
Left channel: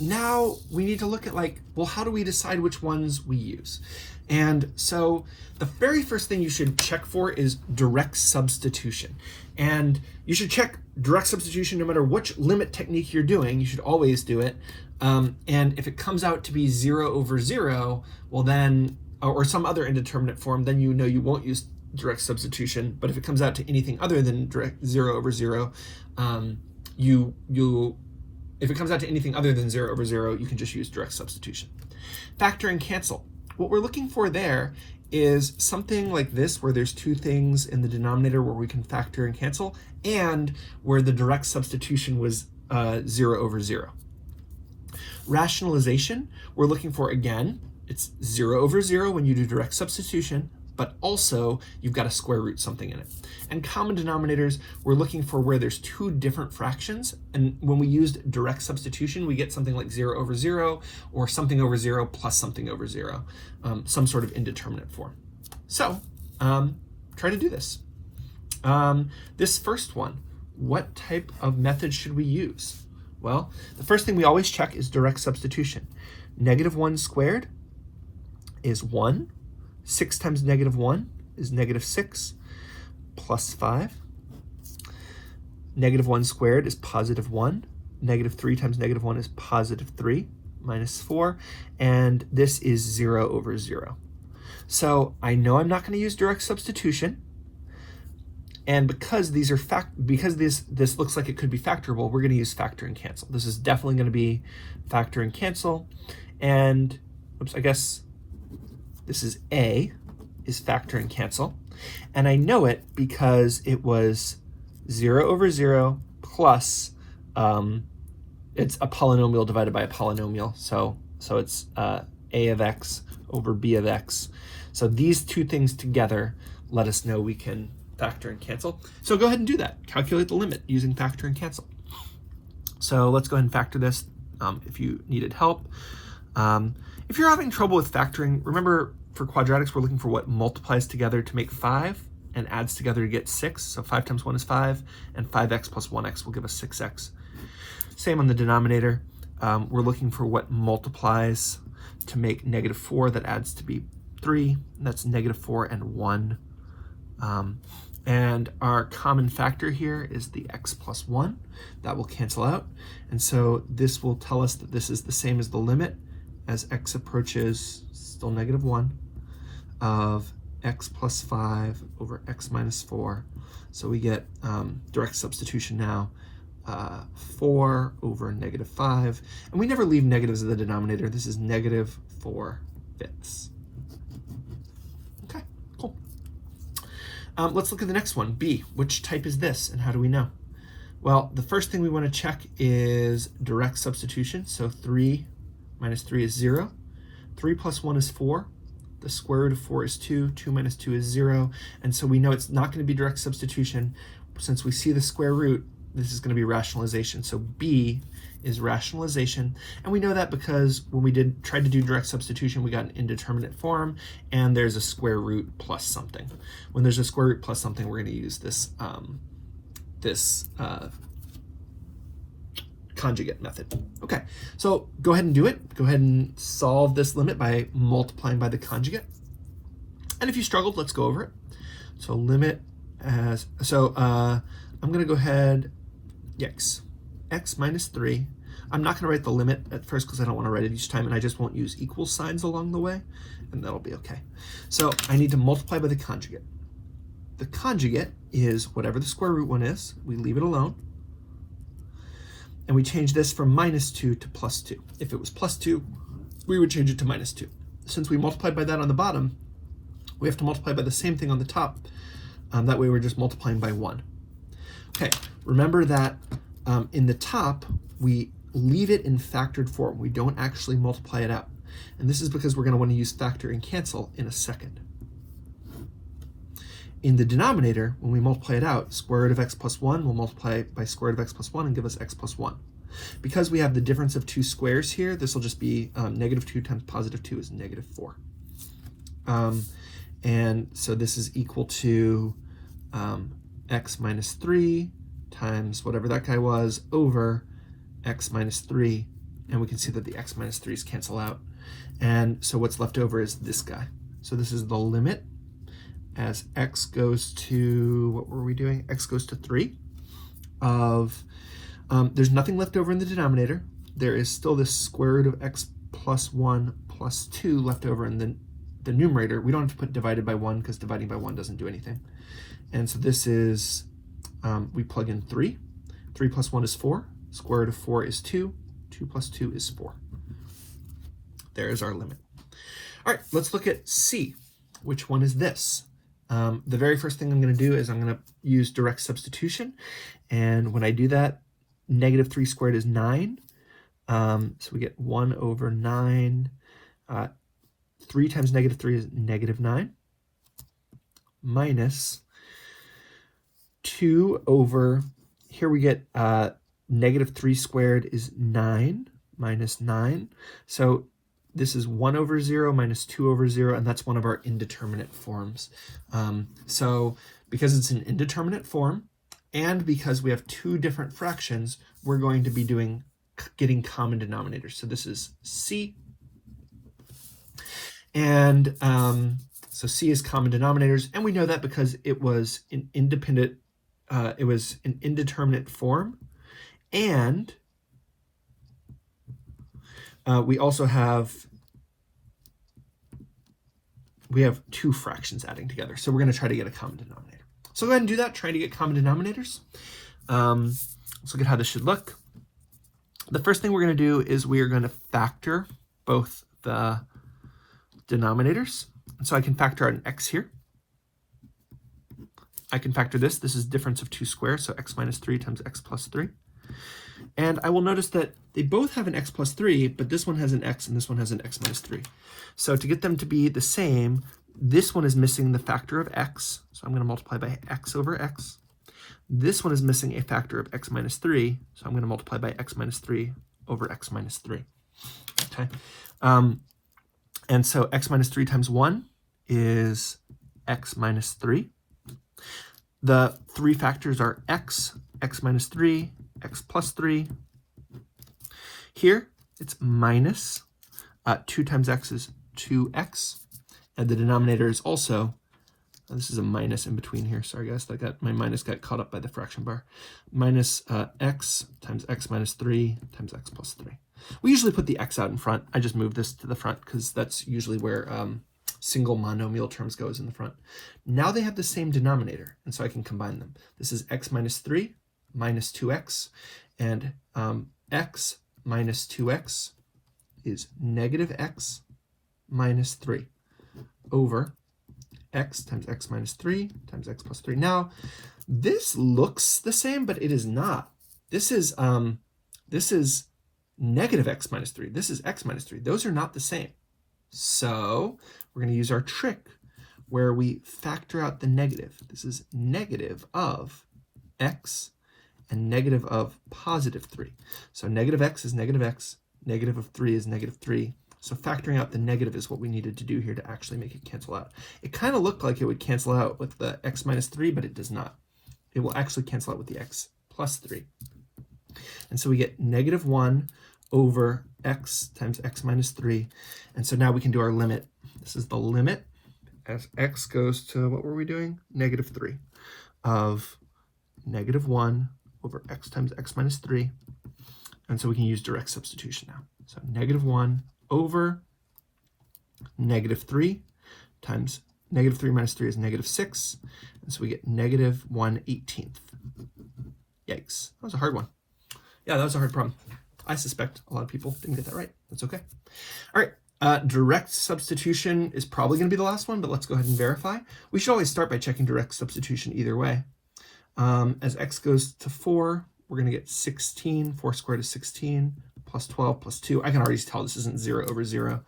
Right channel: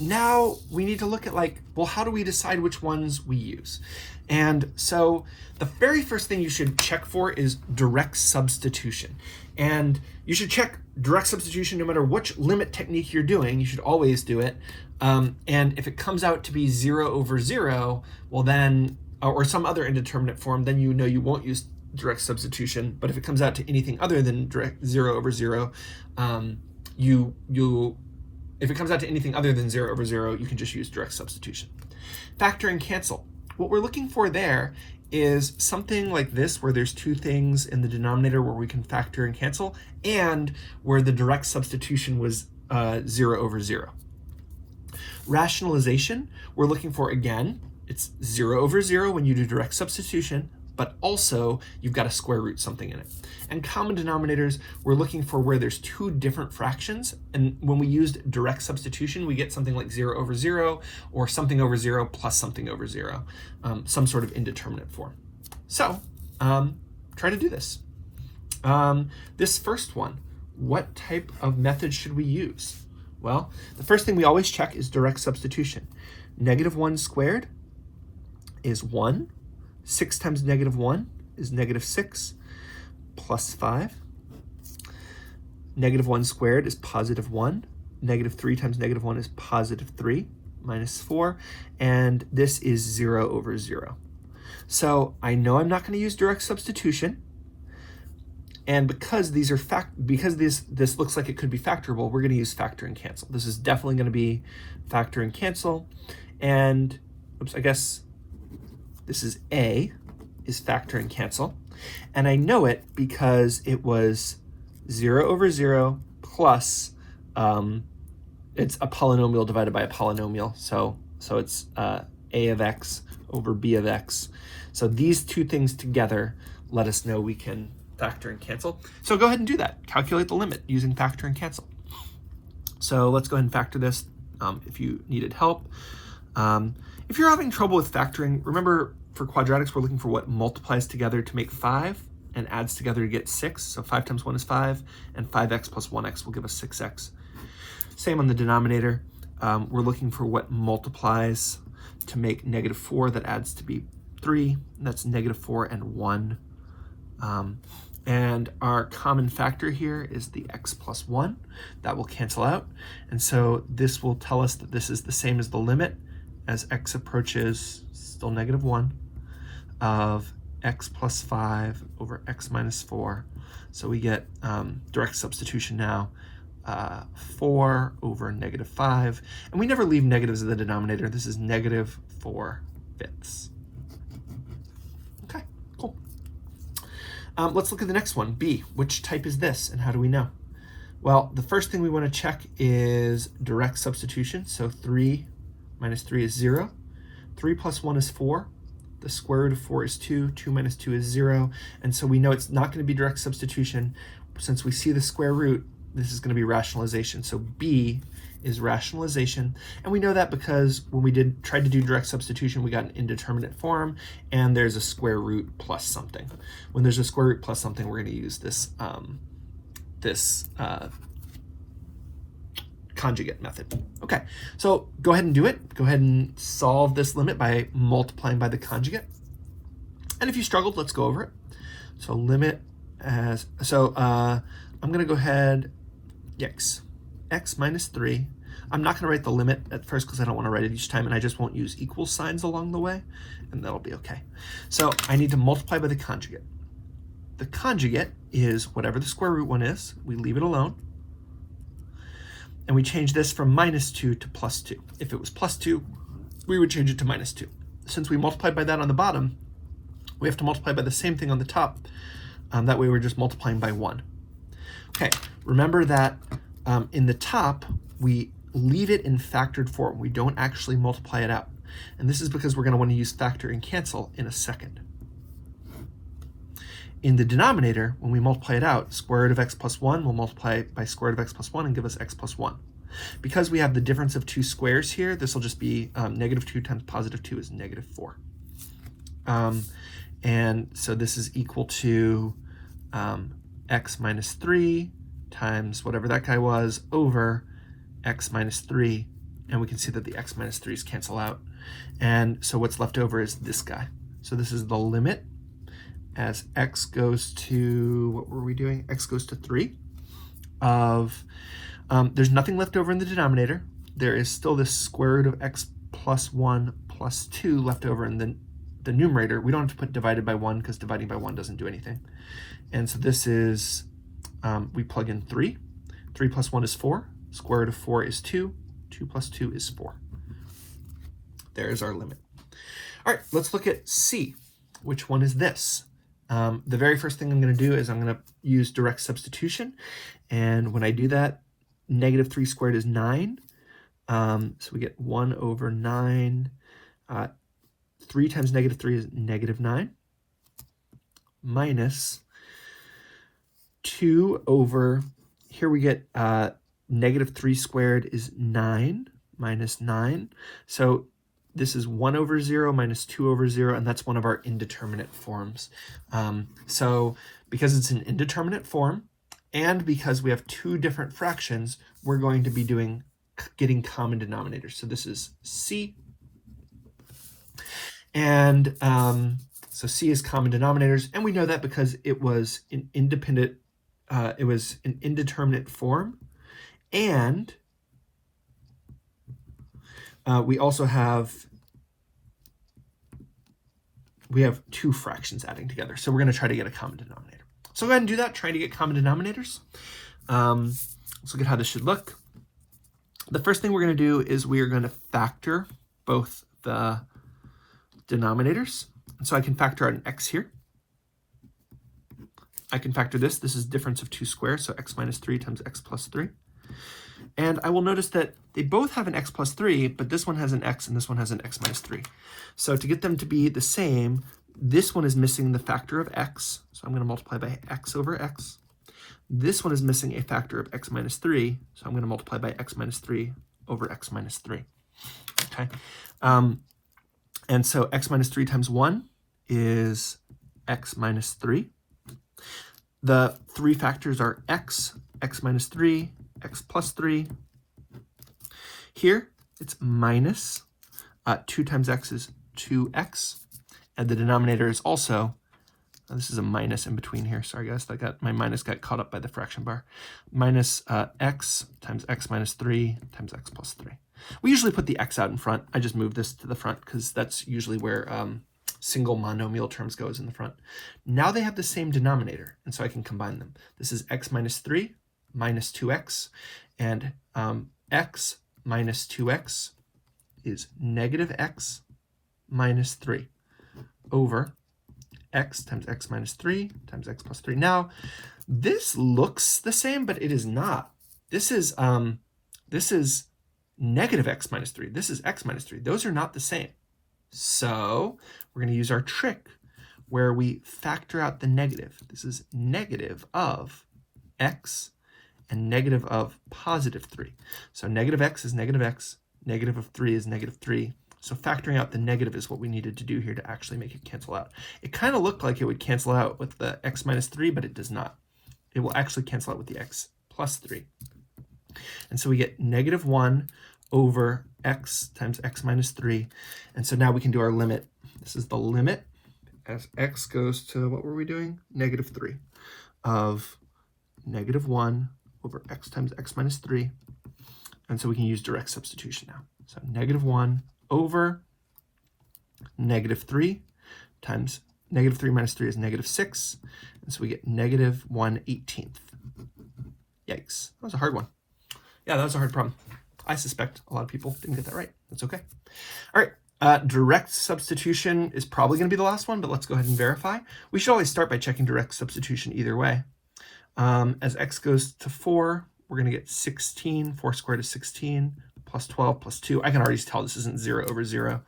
Now we need to look at, like, well, how do we decide which ones we use? And so the very first thing you should check for is direct substitution. And you should check direct substitution no matter which limit technique you're doing. You should always do it. And if it comes out to be 0 over 0, well then, or some other indeterminate form, then you know you won't use direct substitution. But if it comes out to anything other than direct 0 over 0, if it comes out to anything other than 0 over 0, you can just use direct substitution. Factor and cancel. What we're looking for there is something like this, where there's 2 things in the denominator where we can factor and cancel, and where the direct substitution was 0 over 0. Rationalization, we're looking for, again, it's 0 over 0 when you do direct substitution, but also you've got to square root something in it. And common denominators, we're looking for where there's two different fractions. And when we used direct substitution, we get something like 0 over 0 or something over 0 plus something over 0, some sort of indeterminate form. So try to do this. This first one, what type of method should we use? Well, the first thing we always check is direct substitution. -1 squared is 1. 6 times -1 is -6 plus 5. -1 squared is +1. -3 times -1 is +3 minus 4. And this is 0 over 0. So I know I'm not going to use direct substitution. And because these are because this looks like it could be factorable, we're going to use factor and cancel. This is definitely going to be factor and cancel. And oops, I guess this is A, is factor and cancel. And I know it because it was 0 over 0 plus, it's a polynomial divided by a polynomial. So it's A of x over B of x. So these two things together let us know we can factor and cancel. So go ahead and do that. Calculate the limit using factor and cancel. So let's go ahead and factor this if you needed help. If you're having trouble with factoring, remember for quadratics, we're looking for what multiplies together to make 5 and adds together to get 6. So 5 times 1 is 5, and 5x plus 1x will give us 6x. Same on the denominator. We're looking for what multiplies to make -4 that adds to be 3. And that's -4 and 1. And our common factor here is the x plus 1. That will cancel out. And so this will tell us that this is the same as the limit as x approaches still -1 of x plus 5 over x minus 4. So we get direct substitution now, 4 over -5. And we never leave negatives in the denominator. This is -4/5. Okay, cool. Let's look at the next one, B. Which type is this, and how do we know? Well, the first thing we want to check is direct substitution. So 3 minus 3 is 0. 3 plus 1 is 4. The square root of 4 is 2. 2 minus 2 is 0. And so we know it's not going to be direct substitution. Since we see the square root, this is going to be rationalization. So B is rationalization. And we know that because when we tried to do direct substitution, we got an indeterminate form, and there's a square root plus something. When there's a square root plus something, we're going to use this conjugate method. Okay, so go ahead and do it. Go ahead and solve this limit by multiplying by the conjugate. And if you struggled, let's go over it. So limit as, I'm going to go ahead, x minus 3. I'm not going to write the limit at first because I don't want to write it each time, and I just won't use equal signs along the way, and that'll be okay. So I need to multiply by the conjugate. The conjugate is whatever the square root one is. We leave it alone. And we change this from -2 to +2. If it was +2, we would change it to -2. Since we multiplied by that on the bottom, we have to multiply by the same thing on the top. That way we're just multiplying by 1. Okay, remember that in the top, we leave it in factored form. We don't actually multiply it out. And this is because we're going to want to use factor and cancel in a second. In the denominator, when we multiply it out, square root of x plus 1 will multiply by square root of x plus 1 and give us x plus 1. Because we have the difference of two squares here, this will just be -2 times +2 is -4. And so this is equal to x minus 3 times whatever that guy was over x minus 3. And we can see that the x minus 3's cancel out. And so what's left over is this guy. So this is the limit as x goes to, what were we doing? X goes to 3 of, there's nothing left over in the denominator. There is still this square root of x plus 1 plus 2 left over in the numerator. We don't have to put divided by 1 because dividing by 1 doesn't do anything. And so this is, we plug in 3. 3 plus 1 is 4. Square root of 4 is 2. 2 plus 2 is 4. There is our limit. All right, let's look at C. Which one is this? The very first thing I'm going to do is I'm going to use direct substitution. And when I do that, -3 squared is 9. So we get 1 over 9. 3 times -3 is -9. minus 2 over, here we get negative 3 squared is 9 minus 9. So this is 1 over 0 minus 2 over 0, and that's one of our indeterminate forms. So because it's an indeterminate form, and because we have two different fractions, we're going to be getting common denominators. So this is C, and so C is common denominators, and we know that because it was an indeterminate form, and we also have two fractions adding together. So we're going to try to get a common denominator. So go ahead and do that, try to get common denominators. Let's look at how this should look. The first thing we're going to do is we are going to factor both the denominators. And so I can factor out an x here. I can factor this. This is difference of 2 squares, so x minus 3 times x plus 3. And I will notice that they both have an x plus 3, but this one has an x and this one has an x minus 3. So to get them to be the same, this one is missing the factor of x, so I'm going to multiply by x over x. This one is missing a factor of x minus 3, so I'm going to multiply by x minus 3 over x minus 3. Okay, and so x minus 3 times 1 is x minus 3. The three factors are x, x minus 3, x plus 3. Here, it's minus 2 times x is 2x. And the denominator is also, this is a minus in between here. Sorry guys, my minus got caught up by the fraction bar. Minus x times x minus 3 times x plus 3. We usually put the x out in front. I just moved this to the front because that's usually where single monomial terms goes in the front. Now they have the same denominator, and so I can combine them. This is x minus 3 minus 2x, and x minus 2x is negative x minus 3 over x times x minus 3 times x plus 3. Now, this looks the same, but it is not. This is negative x minus 3. This is x minus 3. Those are not the same. So we're going to use our trick where we factor out the negative. This is negative of x and negative of positive 3. So negative x is negative x, negative of 3 is negative 3. So factoring out the negative is what we needed to do here to actually make it cancel out. It kind of looked like it would cancel out with the x minus 3, but it does not. It will actually cancel out with the x plus 3. And so we get negative 1 over x times x minus 3. And so now we can do our limit. This is the limit as x goes to, what were we doing? Negative 3 of negative 1 over x times x minus 3. And so we can use direct substitution now. So negative 1 over negative 3 times negative 3 minus 3 is negative 6. And so we get negative 1/18. Yikes. That was a hard one. Yeah, that was a hard problem. I suspect a lot of people didn't get that right. That's okay. All right. Direct substitution is probably going to be the last one, but let's go ahead and verify. We should always start by checking direct substitution either way. As x goes to 4, we're going to get 16. 4 squared is 16, plus 12 plus 2. I can already tell this isn't 0 over 0.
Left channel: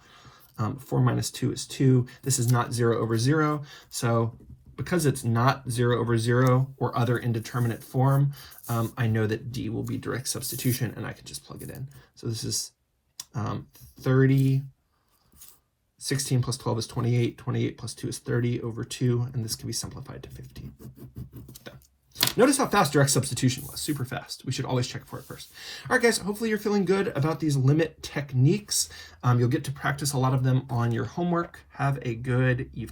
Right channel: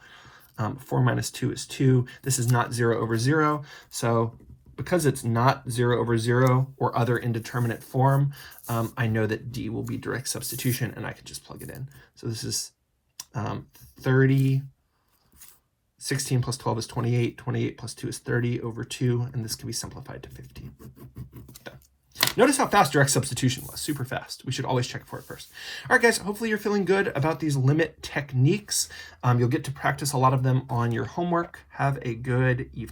4 minus 2 is 2. This is not 0 over 0. So because it's not 0 over 0 or other indeterminate form, I know that D will be direct substitution, and I can just plug it in. So this is 30. 16 plus 12 is 28. 28 plus 2 is 30 over 2, and this can be simplified to 15. Done. Notice how fast direct substitution was. Super fast. We should always check for it first. All right, guys, hopefully you're feeling good about these limit techniques. You'll get to practice a lot of them on your homework. Have a good evening.